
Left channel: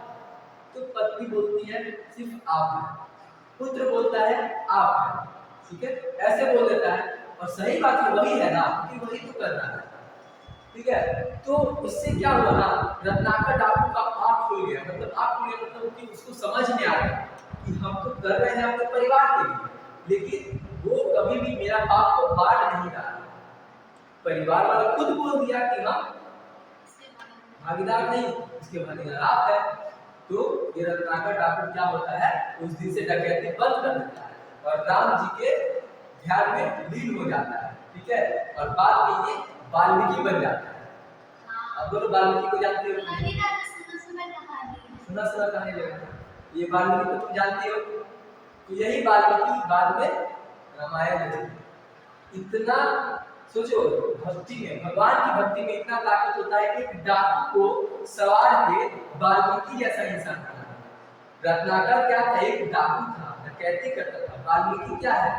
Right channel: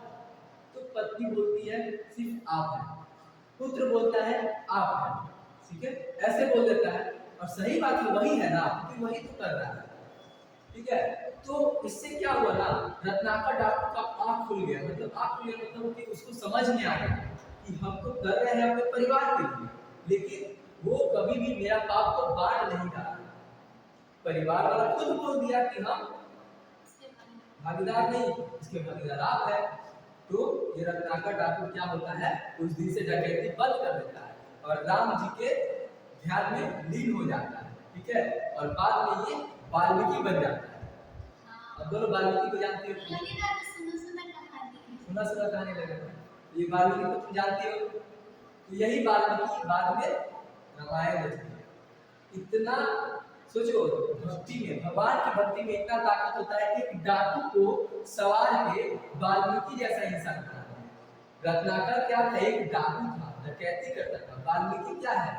तो पत्नी बोलती है सिर्फ आप हैं, पुत्र बोलता है आप हैं। ठीक है, ऐसे बोल देता है, और सही बात है वही है ना, कि वही तो कर रहा है। ठीक है, तो इससे क्या हुआ ना, रत्नाकर डाकू का आँख खुल गया, मतलब आँख खुल गया मतलब कि उसको समझ में आ गया कि हम तो कर रहे हैं अपने परिवार के लिए, लेकिन वो कभी भी मेरा पाप को बांट नहीं रहा। परिवार वाला खुद बोल दिया कि हम भागीदार नहीं, इसके भागीदार आप है। तो ये रत्नाकर डाकू क्या होता है, उस दिन से डकैती बंद कर देता है और राम जी के ध्यान में लीन हो जाता है। ठीक है, और बाद में ये वाल्मीकि बन जाता है। अब बोलो वाल्मीकि को जानते हो, सुना सुना कहानी लगा, ये वाल्मीकि को तुम जानते हो, तो यही वाल्मीकि बाद में रामायण रचे। इतना सोचो, भक्ति में, भगवान की भक्ति में इतना ताकत होता है कि एक डाकू को सवार के वाल्मीकि जैसा इंसान बना दिया। रत्नाकर क्या था? एक डाकू था, डकैती करता था। वाल्मीकि क्या है?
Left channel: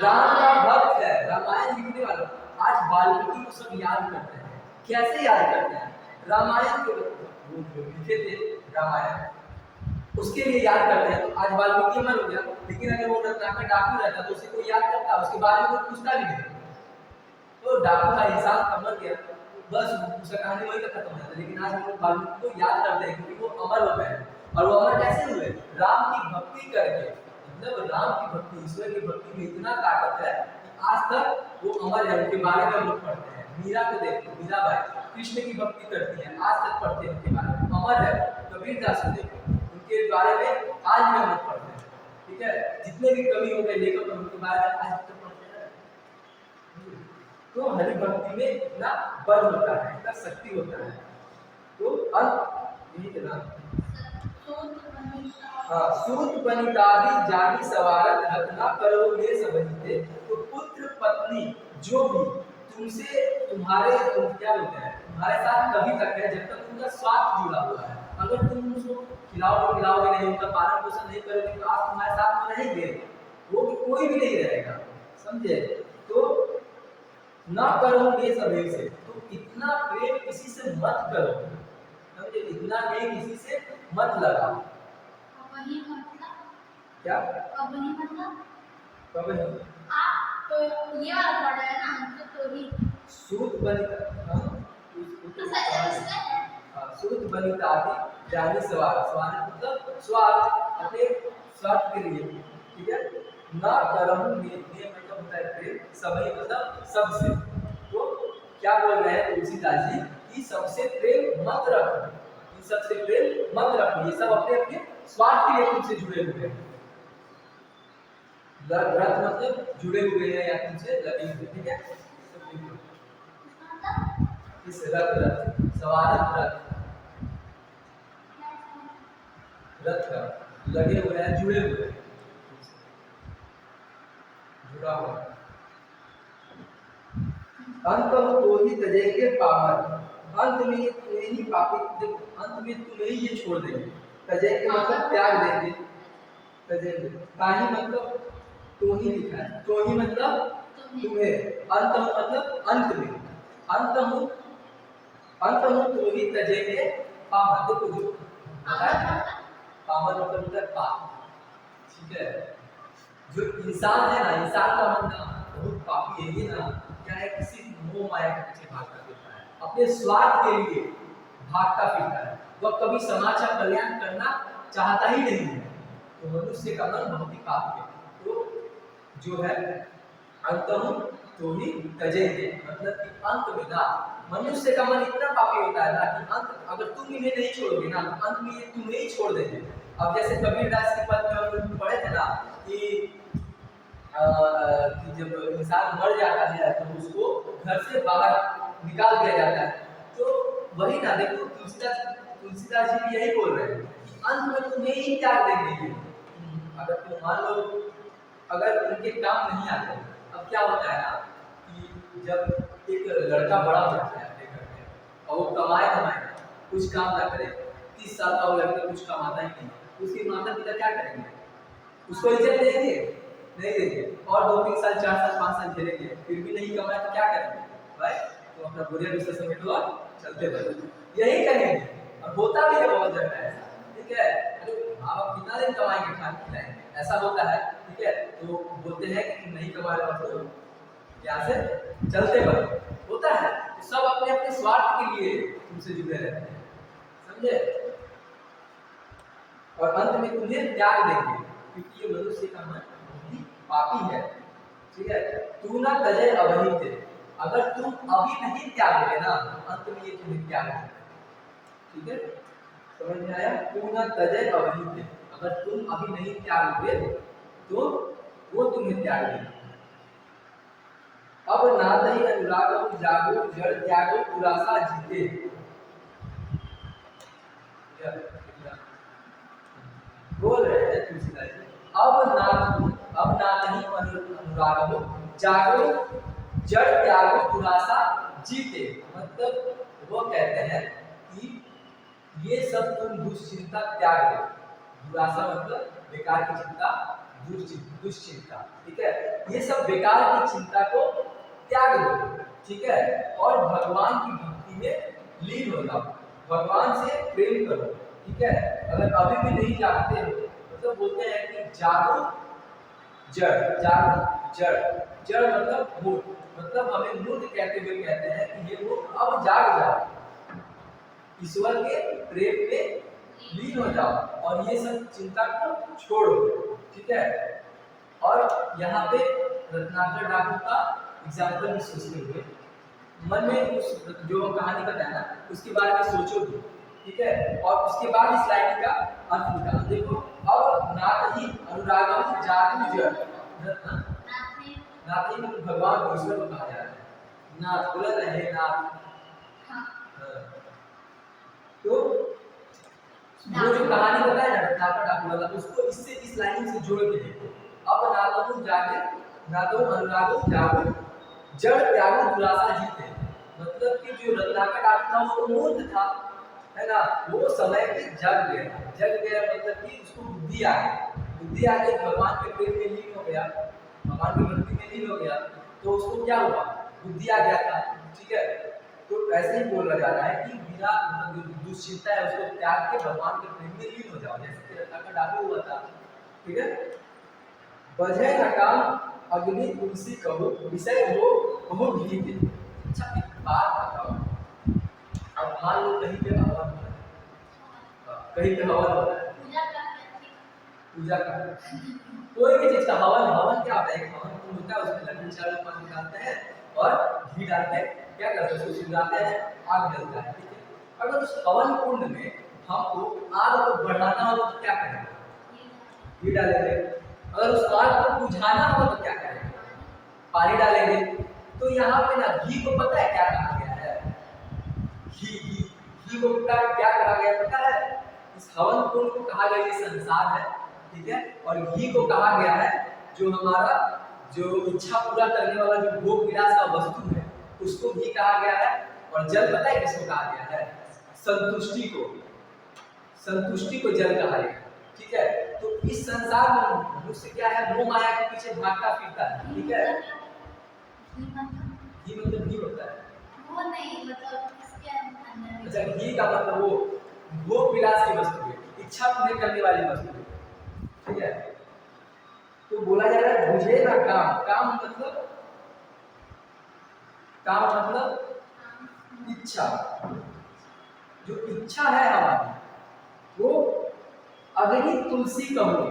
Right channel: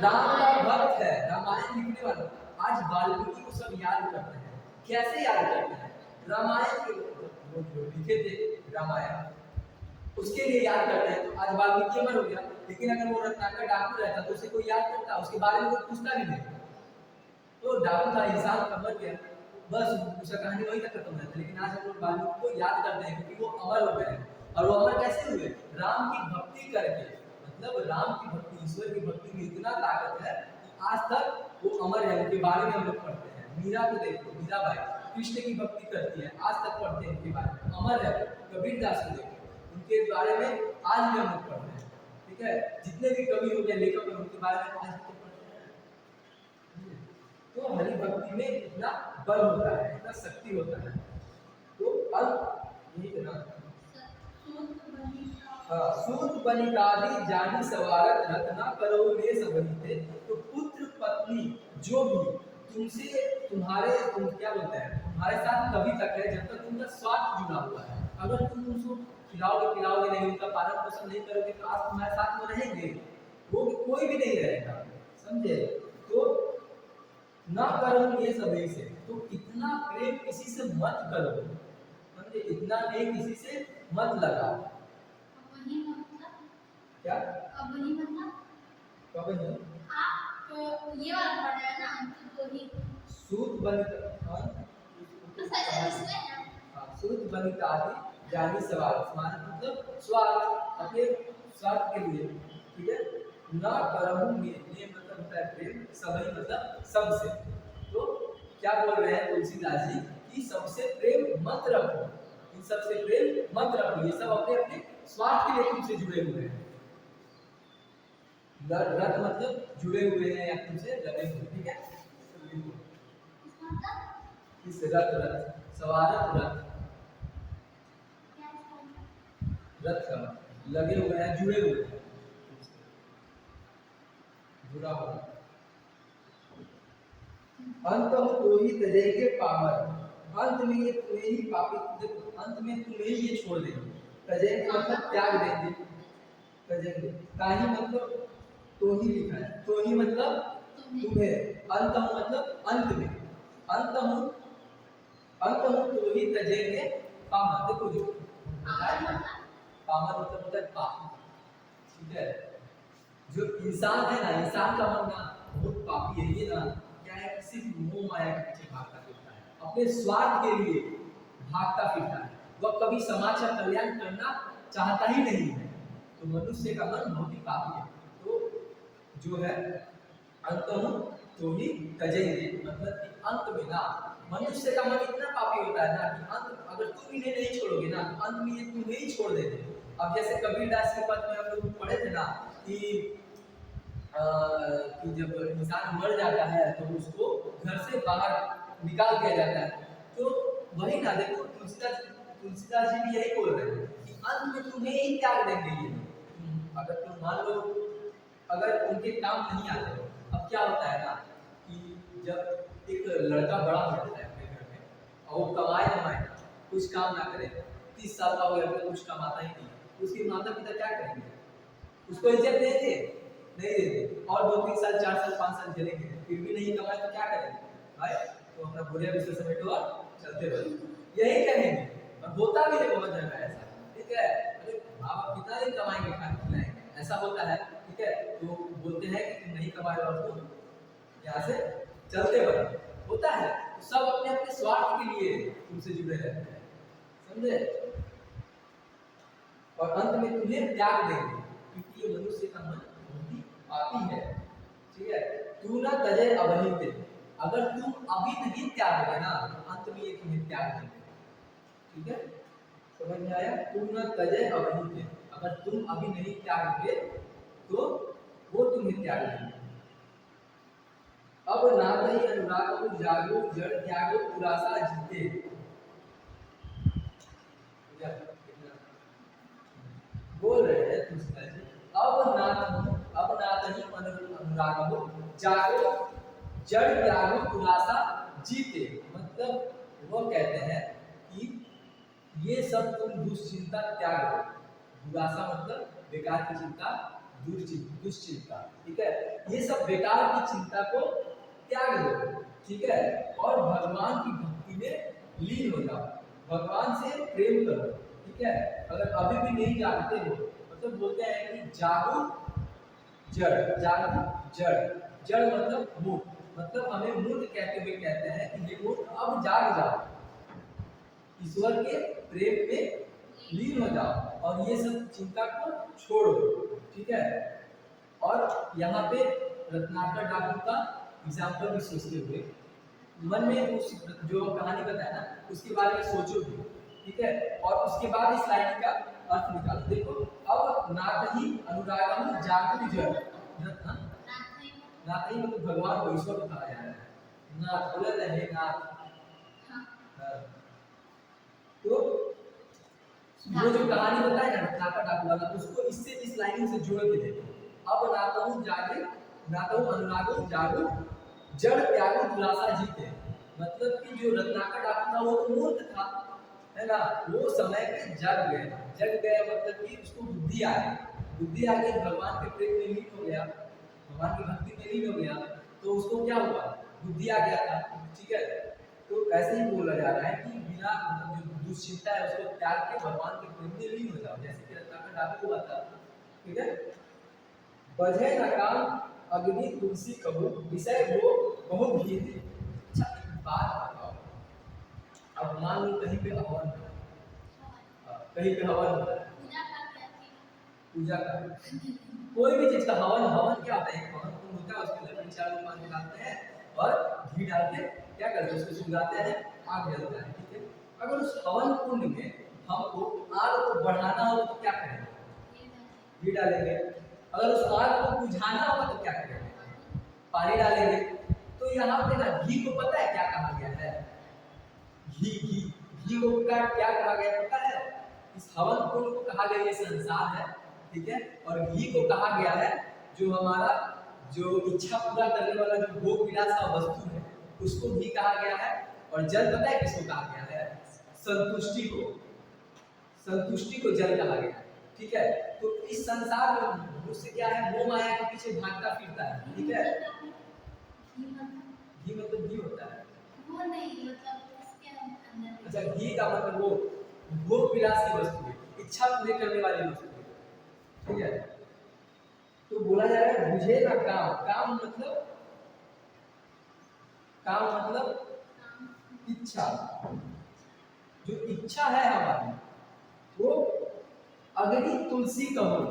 राम का भक्त है, रामायण लिखने वाला। आज वाल्मीकि को सब याद करते हैं। कैसे याद करते हैं? रामायण के लिखे थे, रामायण उसके लिए याद करते हैं। तो आज वाल्मीकि अमर हो गया, लेकिन अगर वो रत्नाकर डाकू रहता तो उसे कोई याद करता? उसके बारे में कोई पूछता भी नहीं। तो डाकू का इंसान अमर गया, बस उसका कहानी वहीं तक खत्म हो जाता। लेकिन आज हम लोग वाल्मीकि को याद करते हैं क्योंकि वो अमर हो गए हैं। और वो अमर कैसे हुए? राम की भक्ति करके। मतलब राम की भक्ति, ईश्वर की भक्ति में इतना ताकत है कि आज तक वो अमर है। उनके बारे में हम लोग पढ़ते हैं। मीरा को देखो, मीराबाई कृष्ण की भक्ति करती है, आज तक पढ़ते हैं उनके बारे में, अमर है। कबीरदास को देखो, उनके बारे में आज भी हम लोग पढ़ते हैं। ठीक है, जितने भी कवि हो गए, लेखक, उनके बारे में आज तक पढ़ते हैं। तो हरि भक्ति में इतना बल होता है, इतना शक्ति होता है। तो अब यही है ना, हाँ, सूत बनितादि जानी सवारत रत्ना करो ले सबहिते। तो पुत्र पत्नी जो भी तुमसे, तुम्हारे, तुम क्या बोलते हैं, तुम्हारे साथ कभी तक है जब तक उनका स्वार्थ जुड़ा हुआ है। अगर तुम उसको खिलाओगे पिलाओगे नहीं, उनका पालन पोषण नहीं करोगे तो आज तुम्हारे साथ वो रहेंगे, वो कोई भी नहीं रहेगा। समझे? तो ना करो ये सभी से, तो इतना प्रेम किसी से मत करो। समझे? इतना प्रेम किसी से मत लगाओ। वही मतलब क्या? वही मतलब कब नहीं? आप तो ये वाला पढ़ रहे हैं ना, तो ही सूत बनिता, हाँ, तो सच है उसमें। हाँ, सूत बनिता आदि जानी सवार, सवार मतलब स्वार्थ, अपने स्वार्थ के लिए। ठीक है, ना करहूं ने मतलब होता है प्रेम, सभी मतलब सबसे। तो क्या बोल रहे हैं तुलसीदास जी कि सबसे प्रेम मत रखो, इन सबसे प्रेम मत रखो, ये सब अपने अपने स्वार्थ के लिए तुमसे जुड़े हुए हैं। रथ मतलब जुड़े हुए हैं या तुमसे लगे हुए। ठीक है, इस रथ, रथ सवारत, रथ का लगे हुए हैं, जुड़े हुए हैं, जुड़ा हुआ। अंत तो ही तजेंगे पावन, अंत में ये तुम्हें ही पापी, अंत में तुम्हें ही ये छोड़ देंगे। तजेंगे मतलब त्याग देंगे, तजेंगे ताही मतलब तो ही लिखा है, तो ही मतलब तुम्हें, अंत मतलब अंत में, अंत हूँ, अंत हूँ तो ही तजेंगे पावन। देखो जो बताया, पावन मतलब होता है पाप। ठीक है, जो इंसान है ना, इंसान का मन ना बहुत पापी है। ये ना क्या है, किसी मोह माया के पीछे भागता फिरता है, अपने स्वार्थ के लिए भागता फिरता है। वह कभी समाज का कल्याण करना चाहता ही नहीं है। तो मनुष्य का मन बहुत ही पापी है। तो जो है अंतम तो ही तजेंगे, मतलब कि अंत में ना मनुष्य का मन इतना पापी होता है ना कि अंत, अगर तुम इन्हें नहीं छोड़ोगे ना तो अंत में ये तुम्हें ही छोड़ देंगे। अब जैसे कबीरदास के पद में हम लोग पढ़े थे ना कि जब इंसान मर जाता है तो उसको घर से बाहर निकाल दिया जाता है। तो वही ना, देखो तुलसीदास जी भी यही बोल रहे हैं कि अंत में तुम्हें ही त्याग देंगे ये। अगर तुम मान लो अगर उनके काम नहीं आते। अब क्या होता है ना कि जब एक लड़का बड़ा हो जाता है अपने घर में और वो कमाए धमाए कुछ काम ना करे, 30 साल का हो लड़का कुछ कमाता ही नहीं, उसके माता पिता क्या करेंगे? उसको इज्जत देंगे? नहीं देंगे। और 2-3 साल 4 साल 5 साल झेलेंगे, फिर भी नहीं कमाए तो क्या करेंगे? भाई तो अपना बोरिया बिस्तर समेटो और चलते बनो, यही कहेंगे। और होता भी है बहुत जगह ऐसा। ठीक है, अरे माँ बाप कितना दिन कमाएंगे, खा खिलाएंगे, ऐसा होता है। ठीक है, तो बोलते हैं कि तुम नहीं कमा रहे हो तो यहाँ से चलते बनो, होता है। तो सब अपने अपने स्वार्थ के लिए तुमसे जुड़े रहते हैं, समझे? और अंत में तुम्हें त्याग देंगे क्योंकि ये मनुष्य का मन बहुत ही पापी है। ठीक है, तू ना तजे अवहिते, अगर तुम अभी नहीं त्यागोगे ना अंत में ये तुम्हें त्याग देंगे। ठीक है, समझ में आया? तू ना तजे अवहिते, अगर तुम अभी नहीं त्यागोगे तो वो तुम्हें त्याग देंगे। अब नाथ ही अनुराग जागो जड़ त्यागो दुरासा जीते। बोल रहे हैं तुलसीदास जी, अब नातहि अनुरागमो जागो जड़ त्यागो दुरासा जीते। मतलब वो कहते हैं कि ये सब तुम दुश्चिंता त्याग दो। दुरासा मतलब बेकार की चिंता, दुश्चिंता, ठीक है। ये सब बेकार की चिंता को त्याग दो, ठीक है, और भगवान की भक्ति में लीन हो जाओ, भगवान से प्रेम करो, ठीक है। अगर अभी भी नहीं जानते हो मतलब बोलते हैं कि जागो जड़, जागो जड़, जड़ मतलब मूर्ख, मतलब हमें मूर्ख कहते हुए कहते हैं कि ये मूर्ख अब जाग जाओ, ईश्वर के प्रेम में लीन हो जाओ और ये सब चिंता को छोड़ो, ठीक है। और यहाँ पे रत्नाकर डाकू का एग्जाम्पल भी सोचते हुए मन में उस जो कहानी बताया ना उसके बारे में सोचो भी, ठीक है। और उसके बाद इस लाइन का अर्थ निकालो। देखो, अब नाथ ही अनुरागम जागु जड़, नाथ ही मतलब भगवान को, ईश्वर को कहा जा रहा है। नाथ बोला था, हे नाथ। तो वो जो कहानी बताया ना रत्नाकर डाकू वाला, उसको इससे इस लाइन से जोड़ के देखो। अब नाथहु जागे, नाथहु अनुरागो जागो जड़ त्यागो दुरासा जीते। मतलब कि जो रत्नाकर डाकू था वो तो मूर्ख था, है ना, वो समय पे जग गया, जग गया मतलब कि उसको बुद्धि आ गई, बुद्धि आ गई, भगवान के प्रेम में लीन हो गया, भगवान की भक्ति में लीन हो गया, तो उसको क्या हुआ, बुद्धि आ गया था, ठीक है। तो ऐसे ही बोला जा रहा है कि बिना जो दुश्चिंता है उसको त्याग के भगवान के प्रेम में लीन हो जाओ, जैसे कि रत्नाकर डाकू हुआ था, ठीक है। बजै न काम अग्नि तुलसी कहो विषय वो बहु भीते। अच्छा एक बात बताओ, अब मान लो कहीं पे हवन हो रहा है, कहीं पे हवन हो रहा है, पूजा का कोई भी चीज का हवन, हवन क्या होता है, एक हवन कुंड होता है, उसमें लकड़ी चारों पानी डालते हैं और घी डालते हैं, क्या करते हैं, उसको सुलगाते हैं, आग जलता है, ठीक है। अगर उस हवन कुंड में हमको आग को बढ़ाना हो तो क्या करेंगे, घी डालेंगे। अगर उस आग को बुझाना हो तो क्या करेंगे, पानी डालेंगे। तो यहाँ पे ना घी को पता है क्या कहा गया है, घी घी घी को क्या कहा गया पता है, इस हवन कुंड को कहा गया ये संसार है, ठीक है। और घी को कहा गया है जो हमारा जो इच्छा पूरा करने वाला जो भोग विलास का वस्तु है उसको घी कहा गया है। और जल पता है किसको कहा गया है, संतुष्टि को, संतुष्टि को जल कहा गया, ठीक है। तो इस संसार में मनुष्य क्या है, मोह माया के पीछे भागता फिरता है, ठीक है। घी मतलब घी होता है, वो नहीं मतलब इसके अंदर, अच्छा घी का मतलब वो भोग विलास की वस्तु है, इच्छा पूरी करने वाली वस्तु है, ठीक है। तो बोला जा रहा है बुझे ना काम, काम मतलब, काम मतलब इच्छा, जो इच्छा है हमारी वो अग्नि तुलसी कहो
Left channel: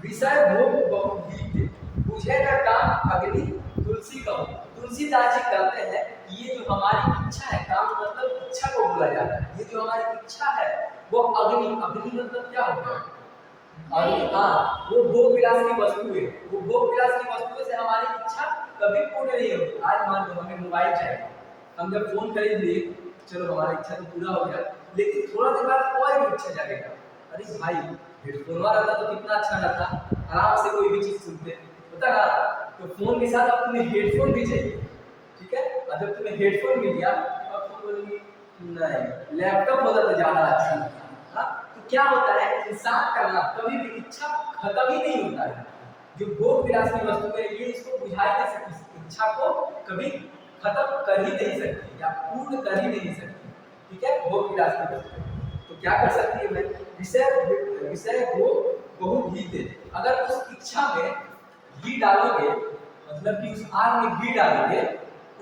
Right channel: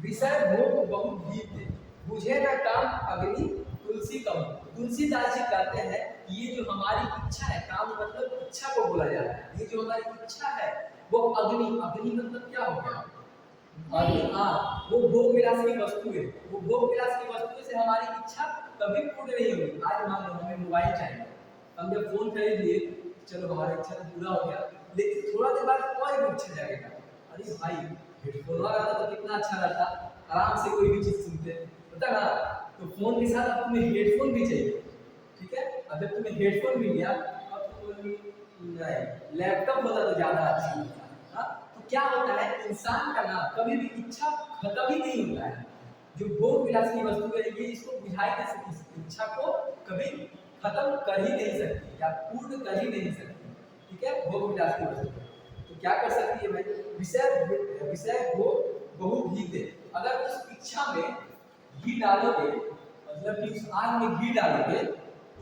विषय भोग बहु भीते। बुझे ना काम अग्नि तुलसी कहो, तुलसीदास जी कहते हैं ये जो हमारी इच्छा है, काम मतलब इच्छा को बोला जाता है, ये जो हमारी इच्छा है वो अग्नि, अग्नि मतलब क्या हो गया, अग्नि, हाँ वो भोग विलास की वस्तु है, वो भोग विलास की वस्तु से हमारी इच्छा कभी पूर्ण नहीं होगी। आज मान लो हमें मोबाइल चाहिए, हम जब फोन खरीद लिए, चलो हमारी इच्छा तो पूरा हो गया, लेकिन थोड़ा देर बाद और भी इच्छा जागेगा, अरे भाई हेडफोन वाला रहता तो कितना अच्छा रहता, आराम से कोई भी चीज सुनते, होता ना। तो फोन के साथ अब तुम्हें हेडफोन भी चाहिए, ठीक है। अब जब तुम्हें हेडफोन मिल गया अब तुम बोलोगे नहीं लैपटॉप होता तो ज्यादा अच्छा होता, हाँ। तो क्या होता है, इंसान का ना कभी भी इच्छा खत्म ही नहीं होता है, जो भोग विलास की वस्तु है ये इसको बुझा ही नहीं सकती, इच्छा को कभी खत्म कर ही नहीं सकती या पूर्ण कर ही नहीं सकती, ठीक है, भोग विलास की वस्तु। तो क्या कर सकती है भाई, विषय विषय को बहु घी दे। अगर उस इच्छा में घी डालोगे, मतलब कि उस आग में घी डालोगे,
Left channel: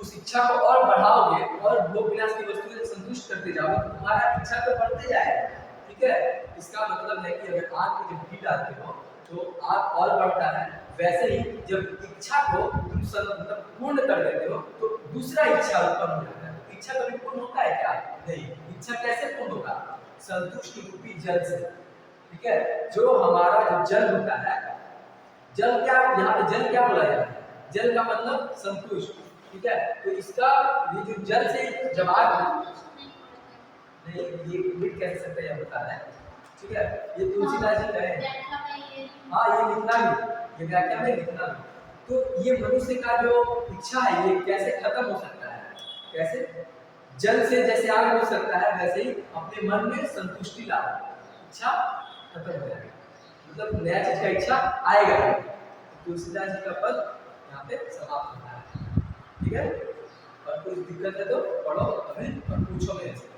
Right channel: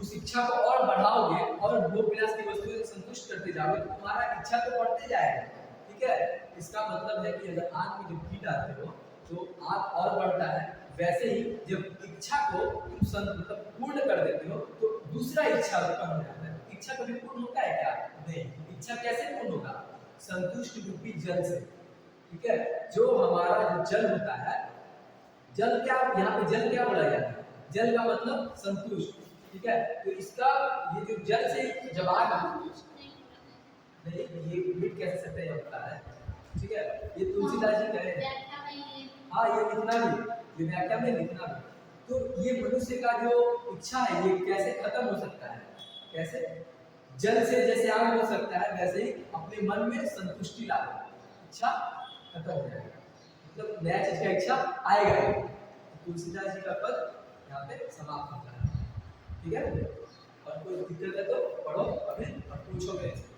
उस इच्छा को और बढ़ाओगे और भोग विलास की वस्तु से संतुष्ट करते जाओगे तो तुम्हारा इच्छा तो बढ़ते जाएगा, ठीक है। इसका मतलब है कि अगर आग में जब घी डालते हो तो आग और बढ़ता है, वैसे ही जब इच्छा को तुम मतलब पूर्ण कर देते हो तो दूसरा इच्छा उत्पन्न हो जाता है। इच्छा कभी पूर्ण होता है क्या, नहीं। इच्छा कैसे पूर्ण होगा, संतुष्टि रूपी जल से, ठीक है। जो हमारा जो जल होता है, जल क्या, यहाँ पे जल क्या बोला जाता है, जल का मतलब संतुष्ट, ठीक है। तो इसका ये जो जल से जब आग नहीं, ये मिट कैसे सकते हैं बता रहे हैं, ठीक है। ये तुलसीदास जी कहे हाँ ये लिखना भी, ये व्याख्या में लिखना भी। तो ये मनुष्य का जो इच्छा है ये कैसे खत्म हो सकता है, कैसे जल से जैसे आग हो सकता है वैसे ही अपने मन में संतुष्टि ला, इच्छा खत्म हो जाएगी, मतलब नया चीज का इच्छा आएगा ही। तुलसीदास जी का पद यहाँ पे समाप्त होता है। ठीक है, और कोई दिक्कत है तो पढ़ो अभी और पूछो मेरे से।